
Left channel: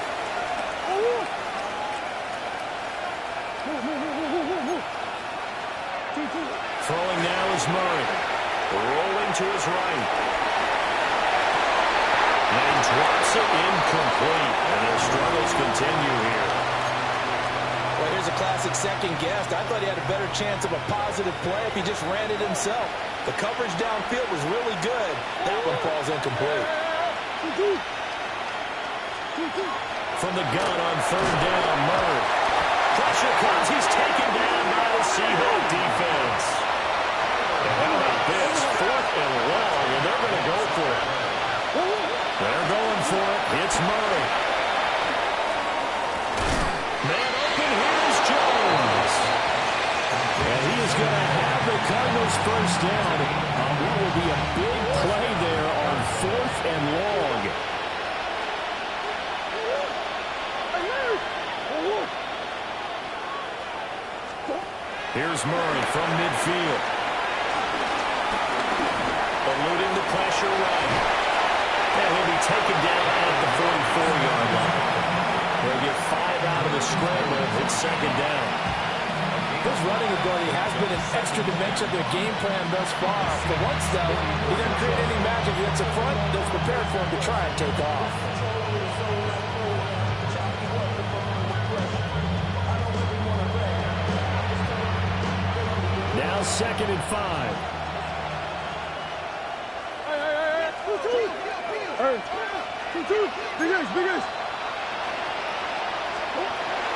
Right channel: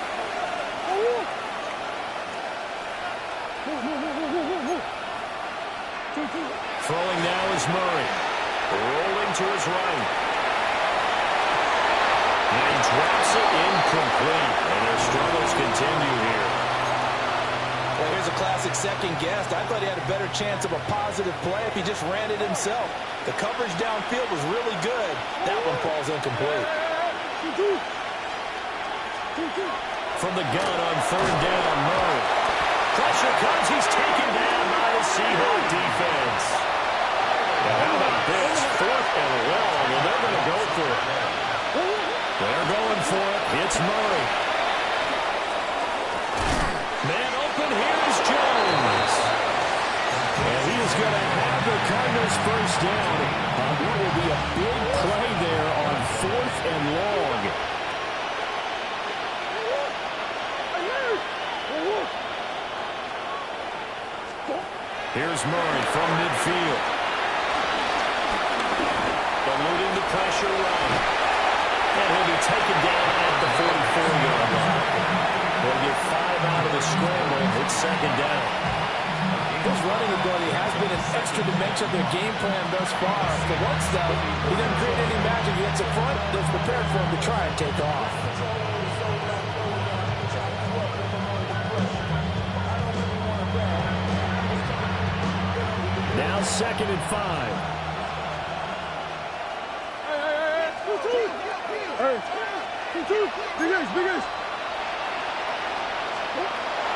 Throwing now is Murray. Rolling to his right. And he drops it incomplete. And their struggles continue here. Well, here's a classic second guess. I thought he had a better chance of a positive play if he just ran it himself. The coverage downfield was really good. That one falls incomplete. From the gun on 3rd down, Murray. Pressure comes. He's taken down by the Seahawk defense. And how about this? 4th and long, and they're going to go for it. They're going for it. It's Murray. Man open, here is Jones. And he is going to have the Cardinals first down on what will be a big play there on 4th and long. Here's Murray from midfield. Eluding the pressure right. And he'll be taken down at the 44-yard line. They'll get 5 out of the scramble. It's 2nd down. His running ability has been an extra dimension of their game plan thus far. For once, though, he doesn't create any magic. He gets in front, that's prepared for him to try and take off. Now 2nd and 5.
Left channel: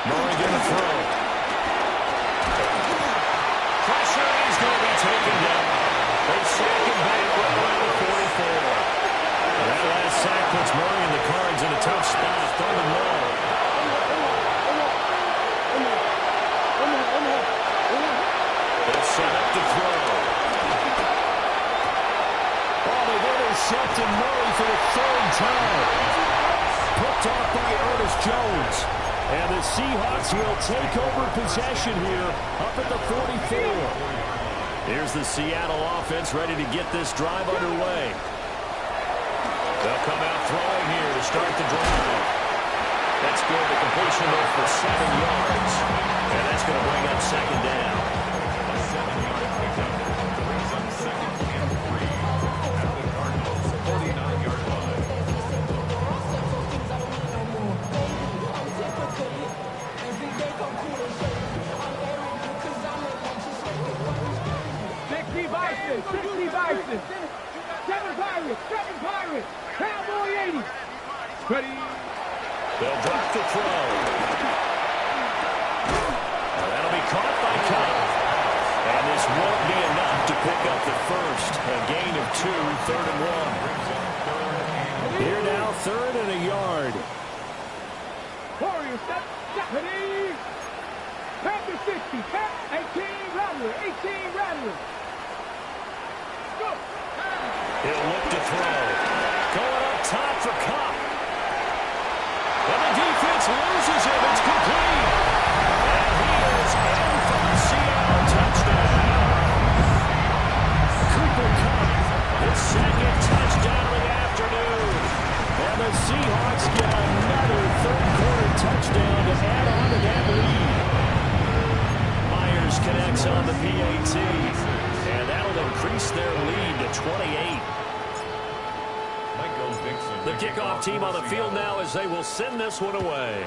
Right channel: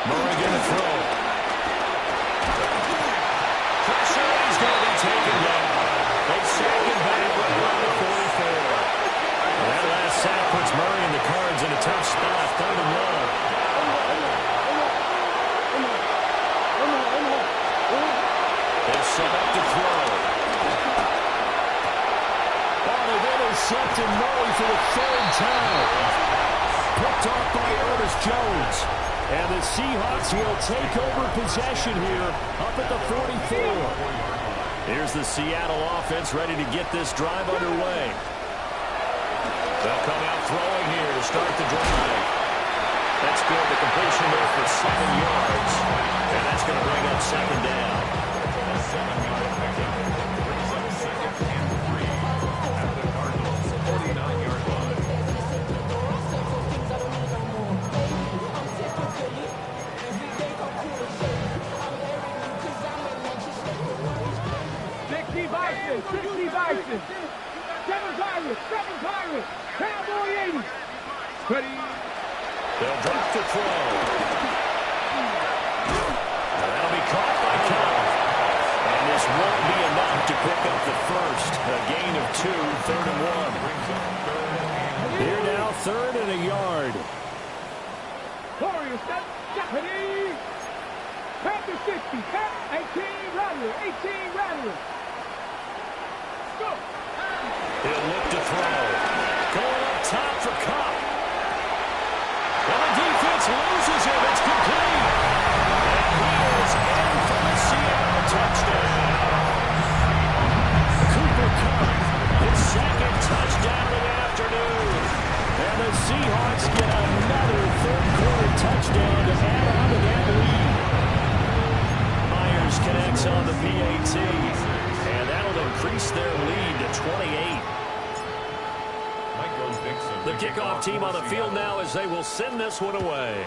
Murray going to throw. Pressure, he's going to be taken down. They sack him back right around the 44. And that last sack puts Murray and the Cards in a tough spot. 3rd and long. They're set up to throw. Oh, they've intercepted Murray for the 3rd time. Picked off by Ernest Jones. And the Seahawks will take over possession here up at the 44. Here's the Seattle offense ready to get this drive underway. They'll come out throwing here to start the drive. That's good. The completion there for 7 yards. And that's going to bring up 2nd down. A 7-yard pickup brings up 2nd and 3 at the Cardinals' 49-yard line. Bison, 60 Bison. 7 Pirates, Cowboy 80. Ready. They'll drop the throw. Now that'll be caught by Cup. And this won't be enough to pick up the first. A gain of 2, 3rd and 1. Here now, 3rd and a yard. Warrior, step, ready. Panther 60. 18 Rattler. 18 Rattler. Go. He'll look to throw. Going up top for Kupp. And the defense loses him. It's complete. And he is in for the Seattle touchdown. Cooper Kupp, his second touchdown of the afternoon. And the Seahawks get another third-quarter touchdown to add on to that lead. Myers connects on the PAT. And that'll increase their lead to 28. The kickoff team on the field now as they will send this one away.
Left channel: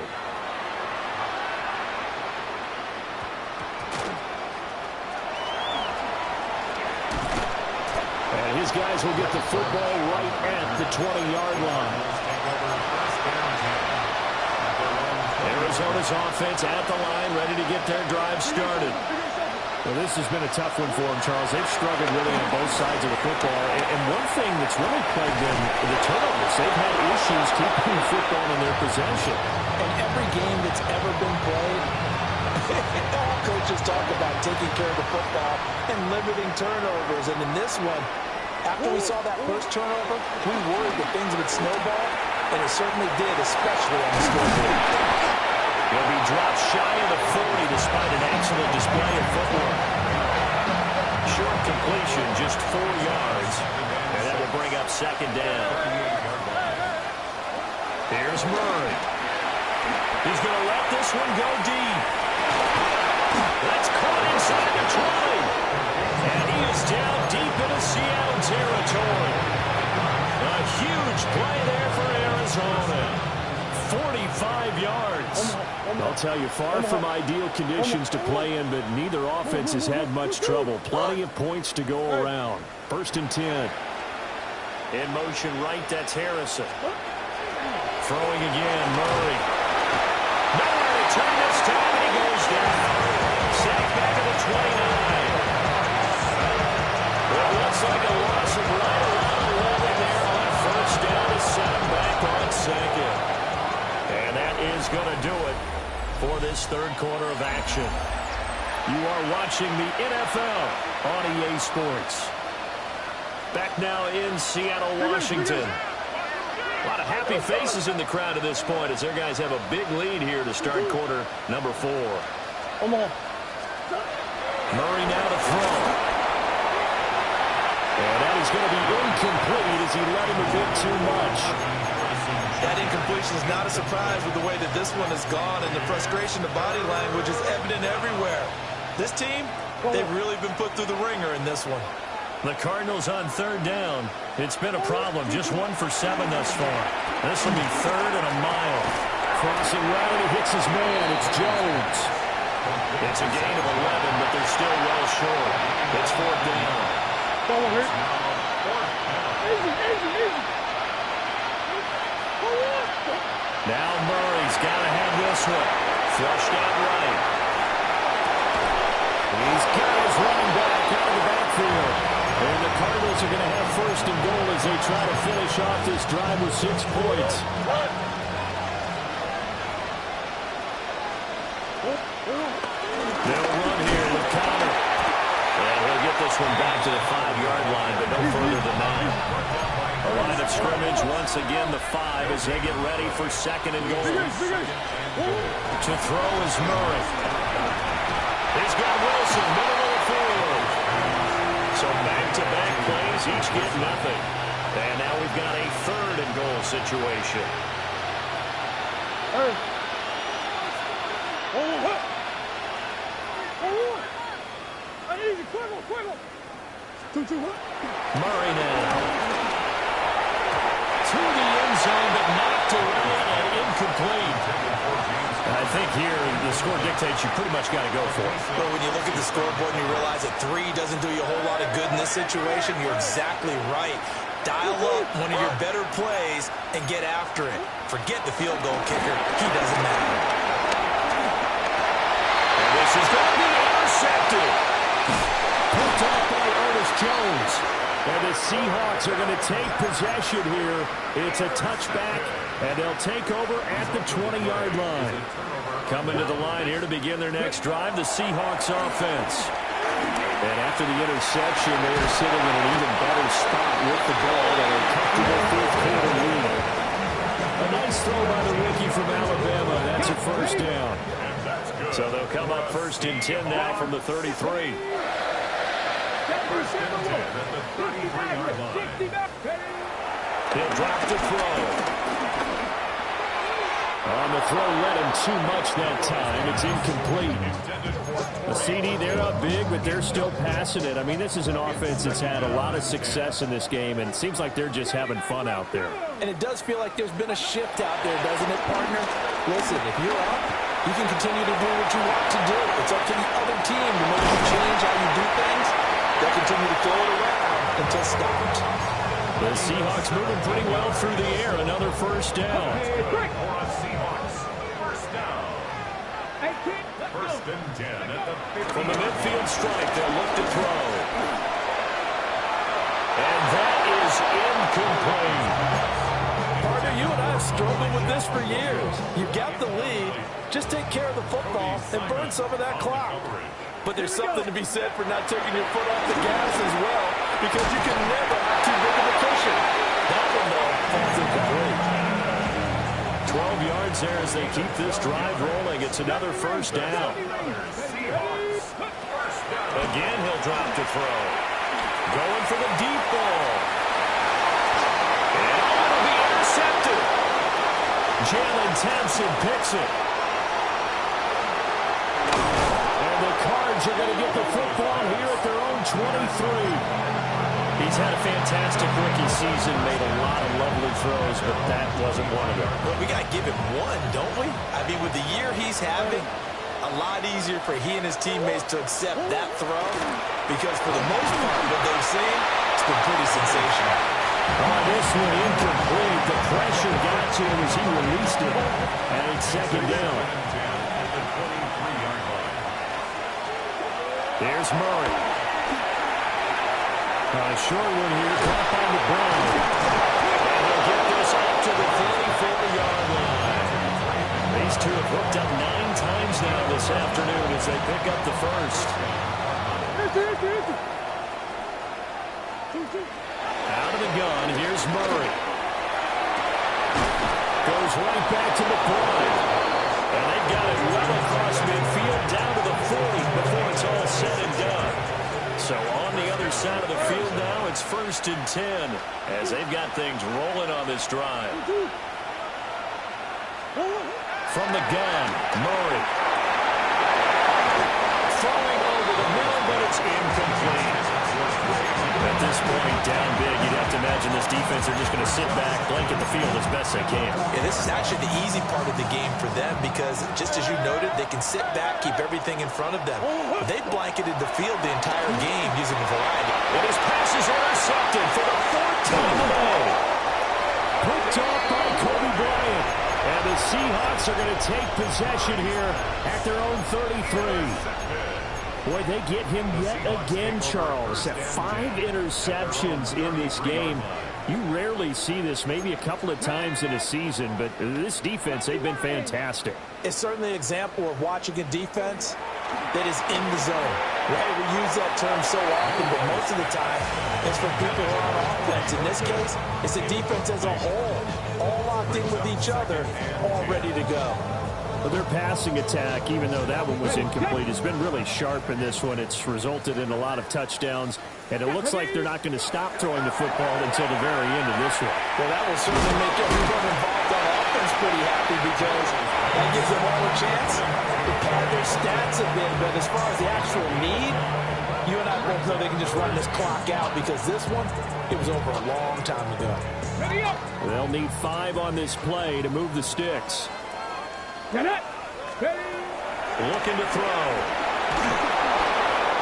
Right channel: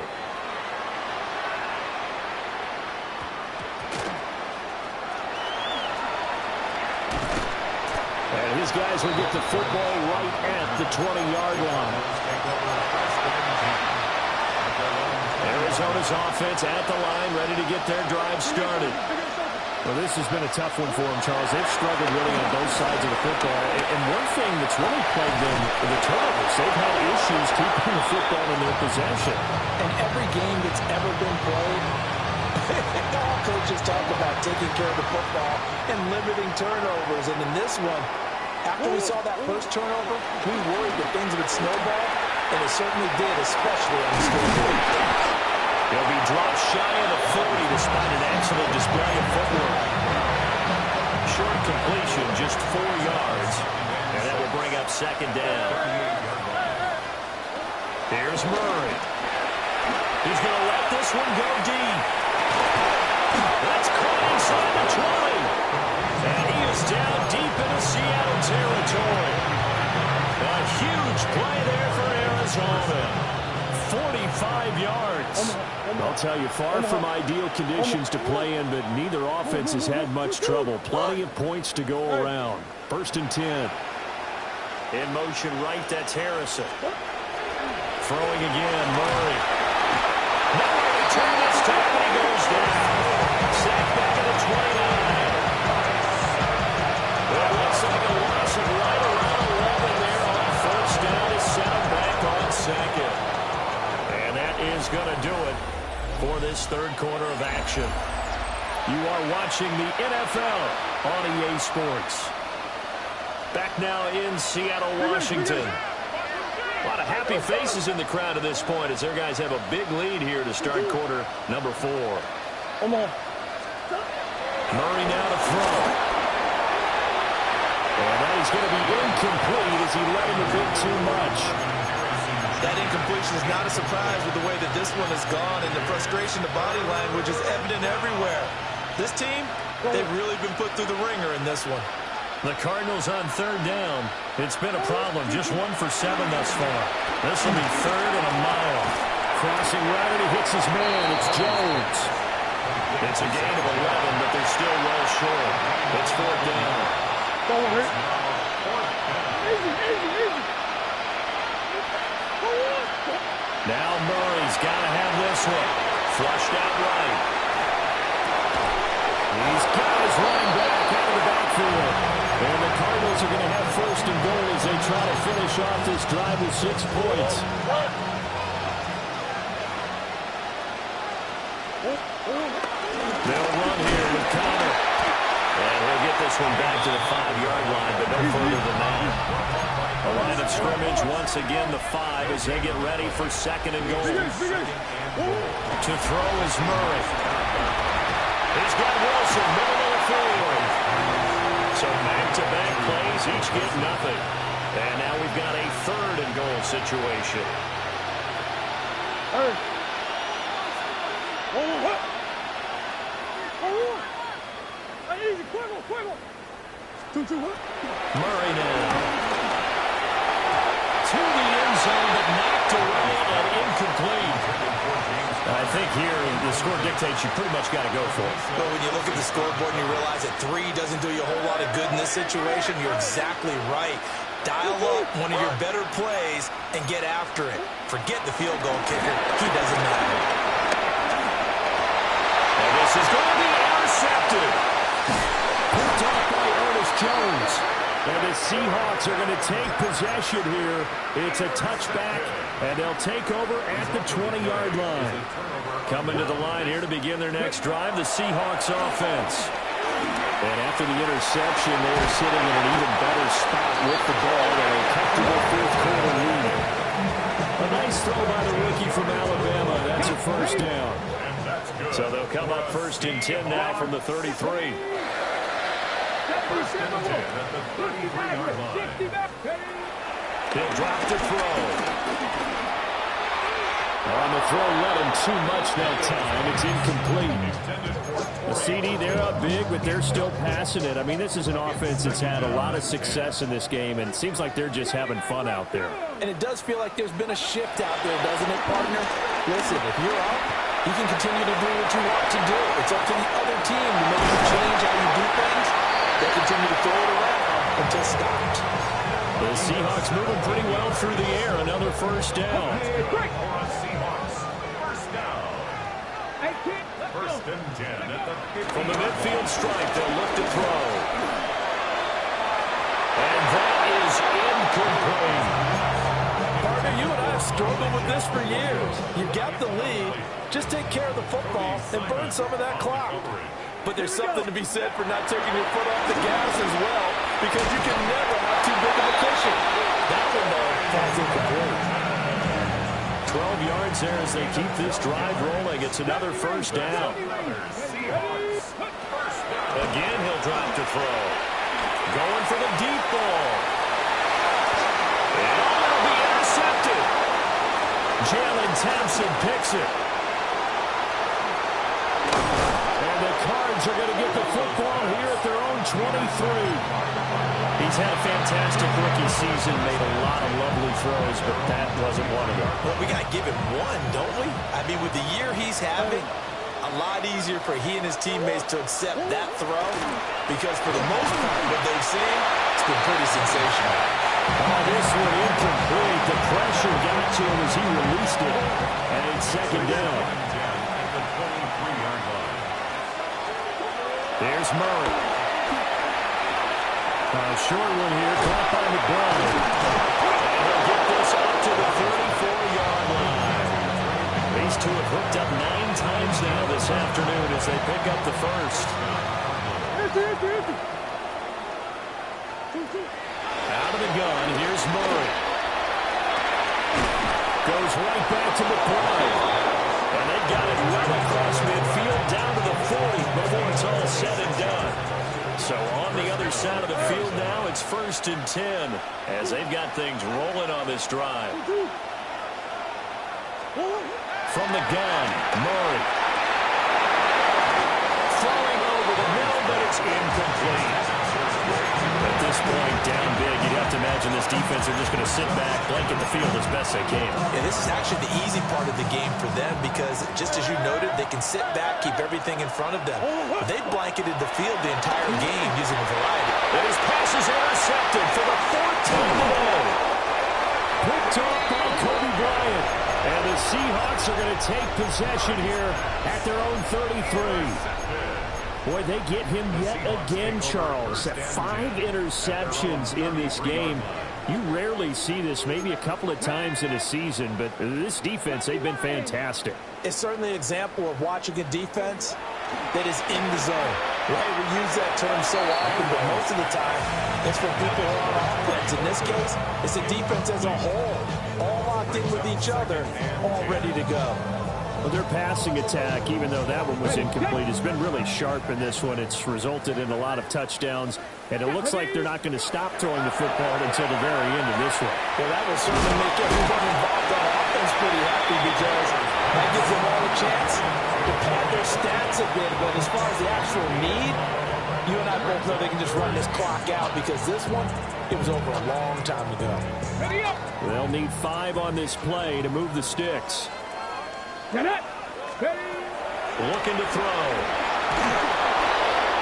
And his guys will get the football right at the 20-yard line. Arizona's offense at the line, ready to get their drive started. Well, this has been a tough one for them, Charles. They've struggled really on both sides of the football. And one thing that's really plagued them, the turnovers. They've had issues keeping the football in their possession. And every game that's ever been played, all coaches talk about taking care of the football and limiting turnovers. And in this one, after we saw that first turnover, we worried that things would snowball, and it certainly did, especially on the scoreboard. He'll be dropped shy of the 40 despite an excellent display of footwork. Short completion, just 4 yards. And that will bring up second down. Here's Murray. He's going to let this one go deep. That's caught inside the 20. And he is down deep into Seattle territory. A huge play there for Arizona. 45 yards. I'll tell you, far from ideal conditions to play in, but neither offense has had much trouble. Plenty of points to go around. 1st and 10. In motion right, that's Harrison. Throwing again, Murray. Nowhere to turn this time, and he goes down. Sacked back at the 29. It looks like a loss of right around 11 there on 1st down to set him back on 2nd. And that is going to do it for this third quarter of action. You are watching the NFL on EA Sports. Back now in Seattle, Washington. A lot of happy faces in the crowd at this point as their guys have a big lead here to start quarter number 4. Murray now to throw. And that is going to be incomplete as he let him a bit too much. That incompletion is not a surprise with the way that this one has gone, and the frustration, the body language is evident everywhere. This team, they've really been put through the ringer in this one. The Cardinals on 3rd down. It's been a problem. Just 1 for 7 thus far. This will be 3rd and a mile. Crossing right, and he hits his man. It's Jones. It's a gain of 11, but they're still well short. It's 4th down. Now Murray's got to have this one. Flushed out right. He's got his running back out of the backfield. And the Cardinals are going to have 1st and goal as they try to finish off this drive with 6 points. They'll run here with Connor. And he'll get this one back to the 5-yard line, but no further than that. A line of scrimmage once again, the 5 as they get ready for 2nd and goal. To throw is Murray. He's got Wilson, middle of the field. So back-to-back plays, each get nothing. And now we've got a 3rd and goal situation. Murray now. To the end zone, but knocked away and incomplete. I think here the score dictates you pretty much got to go for it. But when you look at the scoreboard and you realize that 3 doesn't do you a whole lot of good in this situation, you're exactly right. Dial up one of your better plays and get after it. Forget the field goal kicker. He doesn't matter. And this is going to be intercepted. Picked off by Ernest Jones. And the Seahawks are going to take possession here. It's a touchback And they'll take over at the 20-yard line. Coming to the line here to begin their next drive, the Seahawks offense. And after the interception, they are sitting in an even better spot with the ball and a comfortable fourth-quarter lead. A nice throw by the rookie from Alabama. That's a first down. So they'll come up first and 10 now from the 33. He'll drop to throw. On the throw, led him too much that time. It's incomplete. The CD, they're up big, but they're still passing it. I mean, this is an offense that's had a lot of success in this game, and it seems like they're just having fun out there. And it does feel like there's been a shift out there, doesn't it, partner? Listen, if you're up, you can continue to do what you want to do. It's up to the other team to make you change how you do things. They'll continue to throw it around until stopped. The Seahawks moving pretty well through the air. Another first down. First and 10 at the 50. From the midfield stripe, they'll look to throw. And that is incomplete. Partner, you and I have struggled with this for years. You've got the lead. Just take care of the football and burn some of that clock. But there's something to be said for not taking your foot off the gas as well, because you can never have too big of a cushion. That one, though, falls incomplete. 12 yards there as they keep this drive rolling. It's another first down. Again, he'll drop to throw. Going for the deep ball. And it'll be intercepted. Jalen Thompson picks it. And the Cards are going to get the football here at their own 23. He's had a fantastic rookie season, made a lot of lovely throws, but that wasn't one of them. Well, we got to give him one, don't we? I mean, with the year he's having, a lot easier for he and his teammates to accept that throw, because for the most part, what they've seen, it's been pretty sensational. Oh, this one incomplete. The pressure got to him as he released it, and it's second down. There's Murray. A short one here, caught by McBride. And he'll get this up to the 34-yard line. These two have hooked up 9 times now this afternoon as they pick up the first. Out of the gun, here's Murray. Goes right back to McBride. And they've got it well across midfield down to the 40 before it's all said and done. So on the other side of the field now, it's first and 10 as they've got things rolling on this drive. From the gun, Murray. Throwing over the middle, but it's incomplete. At this point, down big, you'd have to imagine this defense are just going to sit back, blanket the field as best they can. Yeah, this is actually the easy part of the game for them because, just as you noted, they can sit back, keep everything in front of them. They've blanketed the field the entire game using a variety. And his pass is intercepted for the 4th time today. Picked off by Kobe Bryant. And the Seahawks are going to take possession here at their own 33. Boy, they get him yet again, Charles. 5 interceptions in this game. You rarely see this, maybe a couple of times in a season, but this defense, they've been fantastic. It's certainly an example of watching a defense that is in the zone. Right? We use that term so often, but most of the time, it's for people who are on offense. In this case, it's a defense as a whole, all locked in with each other, all ready to go. Well, their passing attack, even though that one was incomplete, has been really sharp in this one. It's resulted in a lot of touchdowns, and it looks like they're not going to stop throwing the football until the very end of this one. Well, that will certainly make everyone involved on offense pretty happy because that gives them all a chance to pad their stats a bit. But as far as the actual need, you and I both know they can just run this clock out because this one, it was over a long time ago. They'll need 5 on this play to move the sticks. Looking to throw.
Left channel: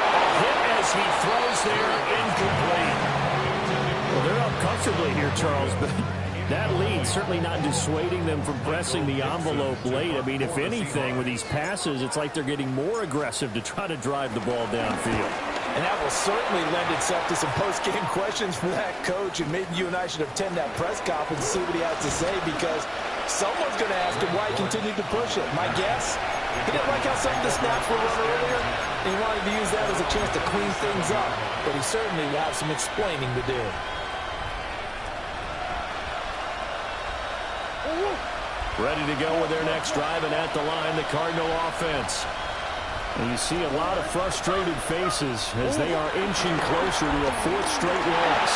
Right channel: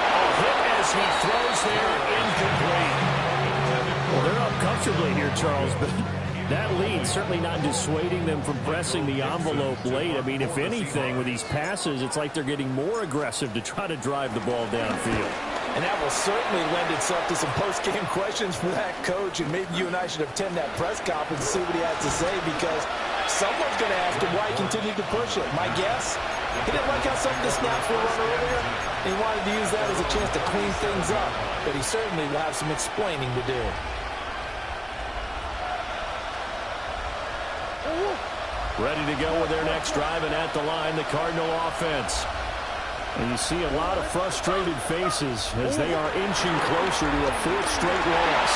A hit as he throws there, incomplete. Well, they're up comfortably here, Charles, but that lead certainly not dissuading them from pressing the envelope late. I mean, if anything, with these passes, it's like they're getting more aggressive to try to drive the ball downfield. And that will certainly lend itself to some post-game questions for that coach, and maybe you and I should attend that press conference and see what he has to say, because someone's going to ask him why he continued to push it. My guess, he didn't like how some of the snaps were run earlier, and he wanted to use that as a chance to clean things up, but he certainly will have some explaining to do. Ready to go with their next drive, and at the line, the Cardinal offense. And you see a lot of frustrated faces as they are inching closer to a fourth straight loss.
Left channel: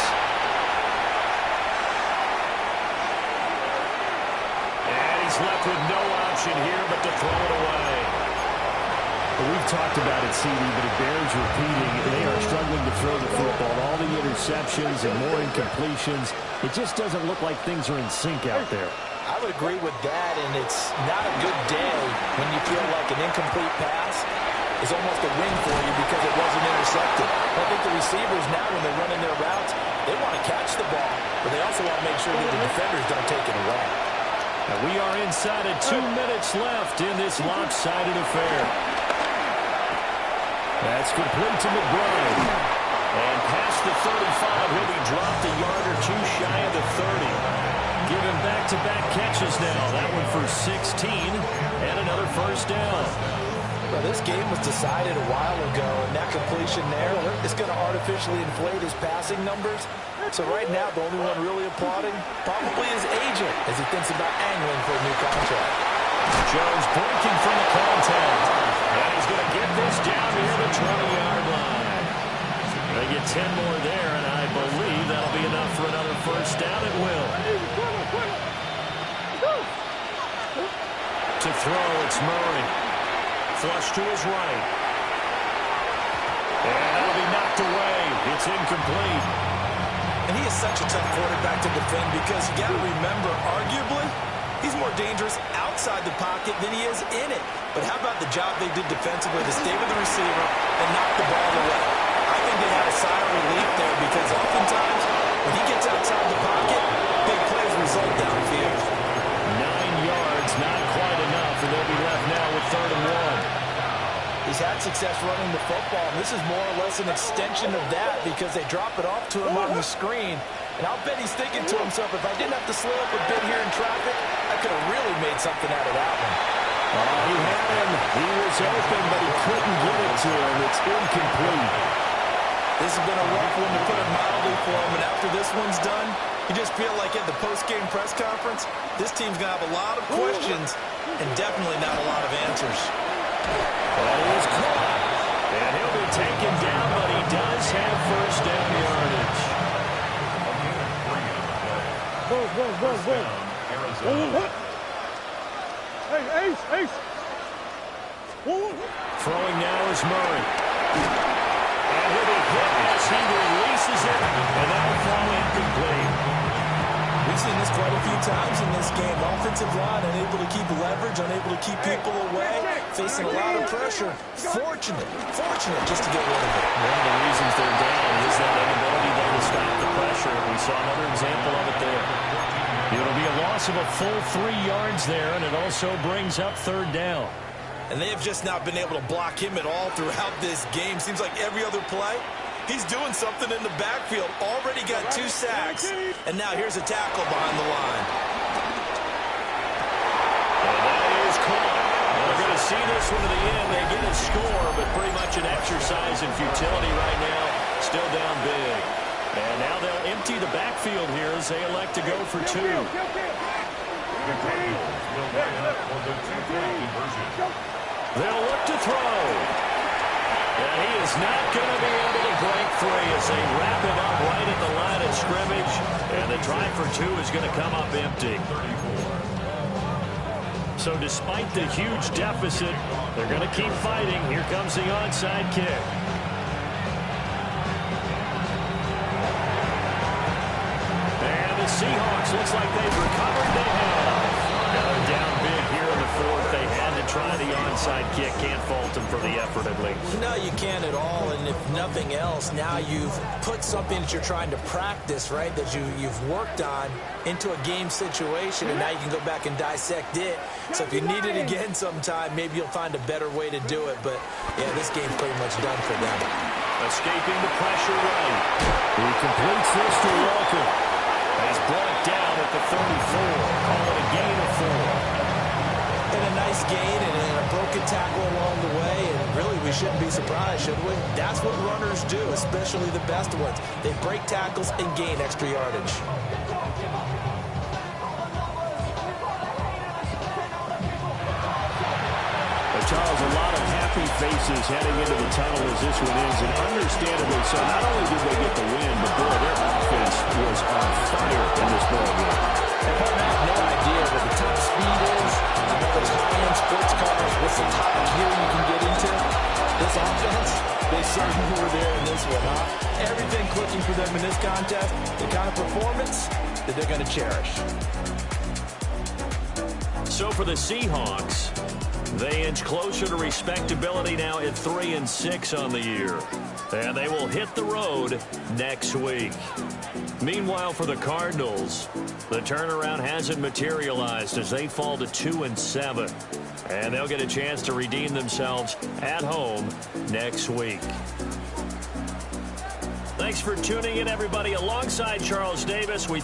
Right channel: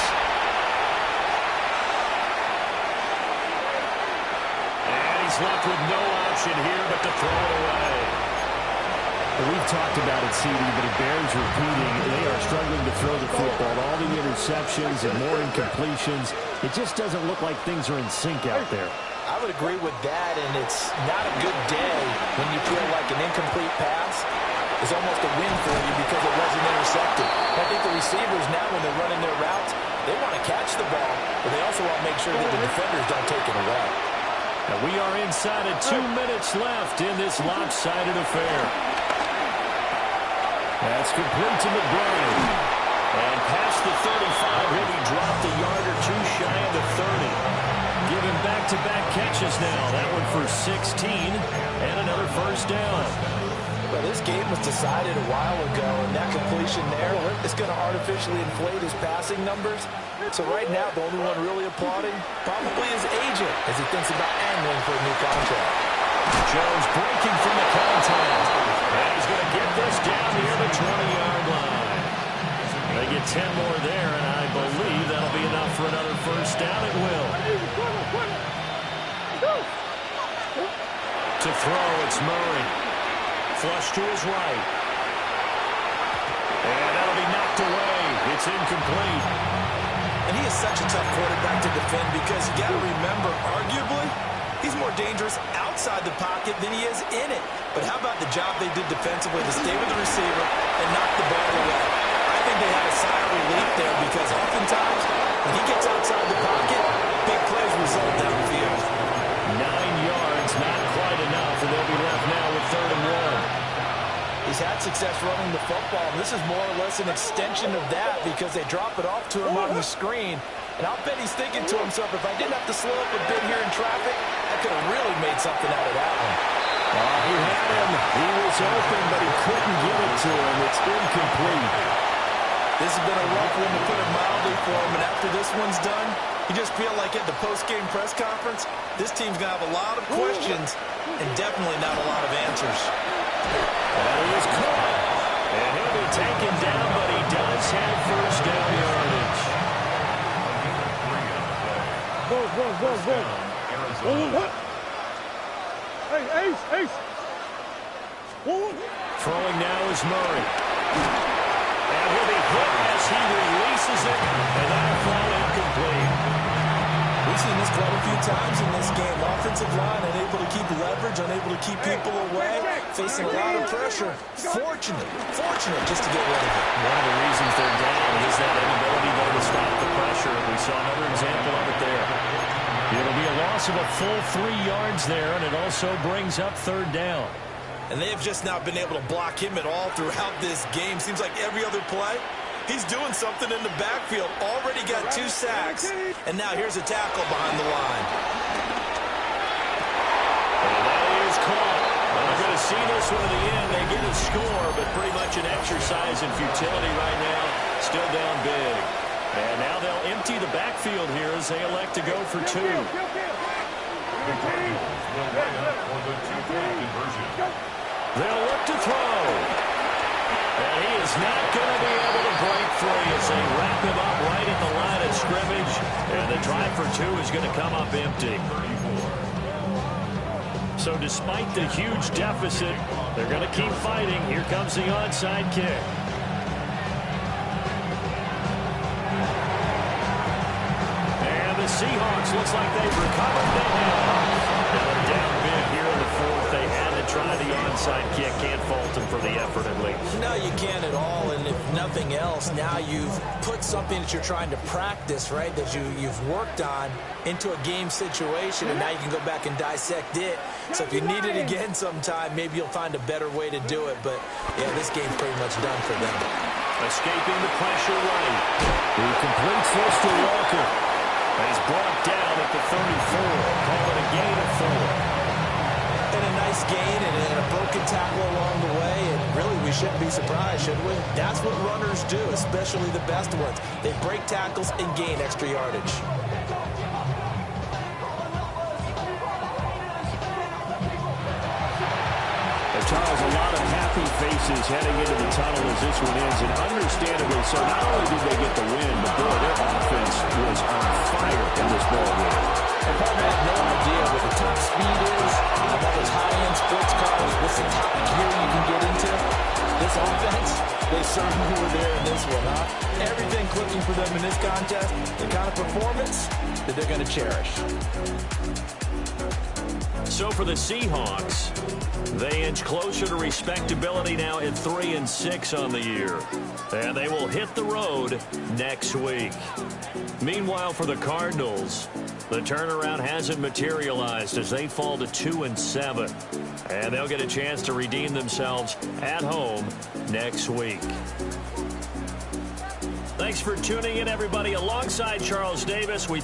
And he's left with no option here but to throw it away. Well, we've talked about it, CD, but it bears repeating. They are struggling to throw the football. All the interceptions and more incompletions. It just doesn't look like things are in sync out there. I would agree with that, and it's not a good day when you feel like an incomplete pass is almost a win for you because it wasn't intercepted. I think the receivers now, when they're running their routes, they want to catch the ball, but they also want to make sure that the defenders don't take it away. And we are inside of 2 minutes left in this lopsided affair. That's complete to McBride. And past the 35, he'll be dropped a yard or two shy of the 30. Given back-to-back catches now. That one for 16 and another first down. Well, this game was decided a while ago, and that completion there is going to artificially inflate his passing numbers. So right now, the only one really applauding probably his agent as he thinks about angling for a new contract. Jones breaking from the contact. And he's going to get this down near the 20-yard line. They get 10 more there, and I believe that'll be enough for another first down. It will. To throw, it's Murray. Flush to his right. And that'll be knocked away. It's incomplete. And he is such a tough quarterback to defend because you got to remember, arguably, he's more dangerous outside the pocket than he is in it. But how about the job they did defensively to stay with the receiver and knock the ball away? I think they had a sigh of relief there because oftentimes when he gets outside the pocket, big plays result downfield. 9 yards, not quite enough, and they'll be left now with 3rd and 1. He's had success running the football, and this is more or less an extension of that because they drop it off to him on the screen. And I'll bet he's thinking to himself, if I didn't have to slow up a bit here in traffic, I could have really made something out of that one. He had him. He was open, but he couldn't get it to him. It's incomplete. This has been a rough one, to put it mildly, for him. And after this one's done, you just feel like at the post-game press conference, this team's going to have a lot of questions and definitely not a lot of answers. That is caught. And he'll be taken down, but he does have first down yardage. Hey, Ace. Throwing now is Murray. And he'll be hit as he releases it, and that'll fall incomplete. We've seen this quite a few times in this game. Offensive line unable to keep leverage, unable to keep people away, facing a lot of pressure. Fortunate just to get rid of it. One of the reasons they're down is that inability, though, to stop the pressure. We saw another example of it there. It'll be a loss of a full 3 yards there, and it also brings up 3rd down. And they have just not been able to block him at all throughout this game. Seems like every other play, he's doing something in the backfield. Already got 2 sacks. And now here's a tackle behind the line. And that is caught. Well, they're going to see this one to the end. They get a score, but pretty much an exercise in futility right now. Still down big. And now they'll empty the backfield here as they elect to go for 2. They'll look to throw. And he is not going to be able to break free as they wrap him up right at the line of scrimmage. And the drive for 2 is going to come up empty. So despite the huge deficit, they're going to keep fighting. Here comes the onside kick. And the Seahawks looks like they've recovered. They have. Now they're down big here in the 4th. They had to to try the onside kick. Can't fault him for the effort at least. No, you can't at all. And if nothing else, now you've put something that you're trying to practice, right, that you've worked on into a game situation, and now you can go back and dissect it. So if you need it again sometime, maybe you'll find a better way to do it. But, yeah, this game's pretty much done for them. Escaping the pressure right. He completes this to Walker. He's brought down at the 34. Call it a gain of 4. And a nice gain and a broken tackle along the way. And really, we shouldn't be surprised, should we? That's what runners do, especially the best ones. They break tackles and gain extra yardage. Charles, a lot of happy faces heading into the tunnel as this one ends, and understandably so. Not only did they get the win, but, boy, their offense was on fire in this ballgame. And, partner, I have no idea what the top speed is of all those high-end sports cars. What's the top gear you can get into? This offense, they certainly were there in this one, huh? Everything clicking for them in this contest, the kind of performance that they're going to cherish. So for the Seahawks, they inch closer to respectability now at 3-6 on the year. And they will hit the road next week. Meanwhile, for the Cardinals, the turnaround hasn't materialized as they fall to 2-7. And they'll get a chance to redeem themselves at home next week. Thanks for tuning in, everybody. Alongside Charles Davis, we